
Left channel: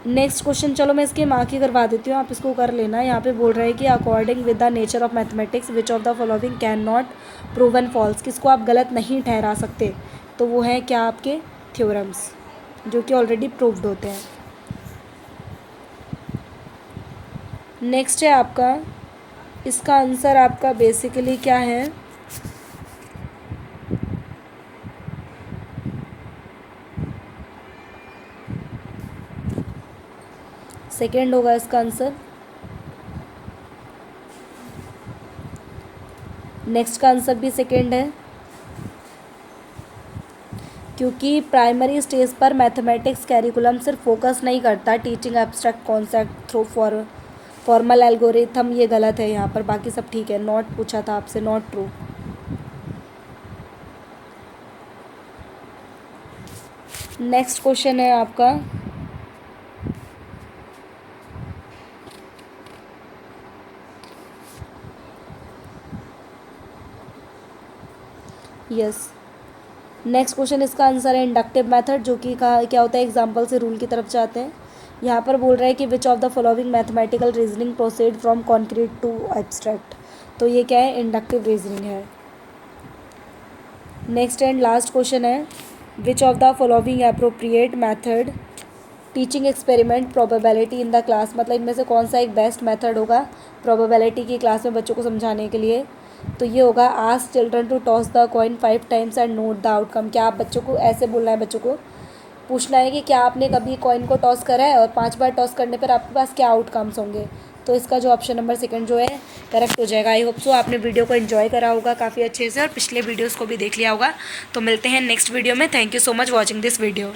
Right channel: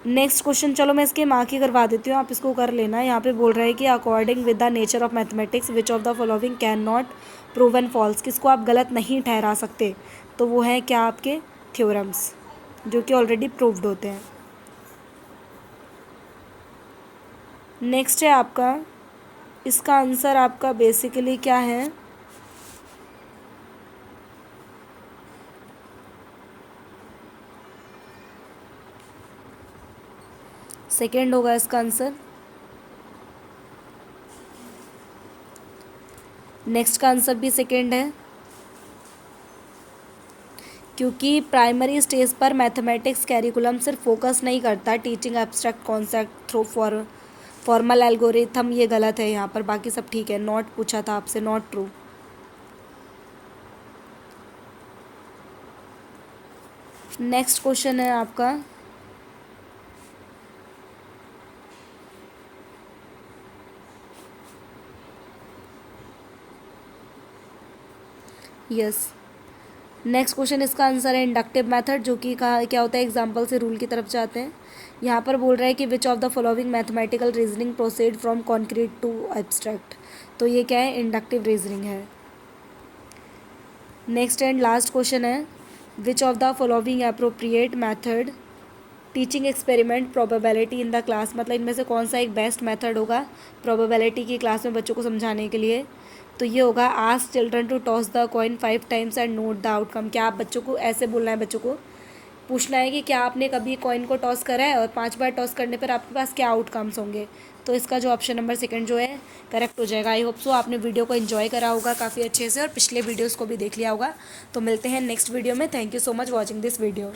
नेक्स्ट क्वेश्चन, चलो मैं इसके मार्क ही करवा देती हूँ, आप इसको कर लेना। यहाँ पे बोल रहा है कि according with the nature of mathematics which of the following can not proven false. किसको आप गलत नहीं ठहरा सकते? तो वो है क्या? आपके थ्योरम्स, जो कि ऑलरेडी प्रूव्ड होते हैं। नेक्स्ट है आपका, इसका आंसर आपका बेसिकली क्या है? सेकेंड होगा इसका आंसर। नेक्स्ट का आंसर भी सेकेंड है, क्योंकि प्राइमरी स्टेज पर मैथमेटिक्स कैरिकुलम सिर्फ फोकस नहीं करता teaching abstract concept through formal algorithm. ये गलत है यहाँ पर, बाकी सब ठीक है। नॉट पूछा था आपसे, नॉट ट्रू। नेक्स्ट क्वेश्चन है आपका, यस। नेक्स्ट क्वेश्चन, इसका आंसर है इंडक्टिव मेथड, जो कि क्या होता है? एग्जाम्पल से रूल की तरफ जाते हैं। यहाँ पर बोल रहा है कि which of the following mathematical reasoning proceed from concrete to abstract. तो ये क्या है? इंडक्टिव रीजनिंग है। नेक्स्ट एंड लास्ट क्वेश्चन है, which of the following appropriate method teaching experiment probability in the class. मतलब इनमें से कौन सा एक बेस्ट मेथड होगा प्रोबेबिलिटी की क्लास में बच्चों को समझाने के लिए? तो ये होगा ask children to toss the coin 5 times and note the outcome. क्या आप बच्चों को ऐसे बोलना है, बच्चों को पूछना है कि क्या आपने कभी कॉइन को टॉस करा है और 5 बार टॉस करने पर आपके पास क्या आउटकम्स होंगे? तो इसका जो ऑप्शन नंबर सेकंड जो है करेक्ट हो जाएगा। आई होप सो आपने वीडियो को एंजॉय करा होगा काफ़ी अच्छे से और पिछले वीडियोस को भी देख लिया होगा। तो मिलते हैं नेक्स्ट वीडियो में। Thank you so much watching this video.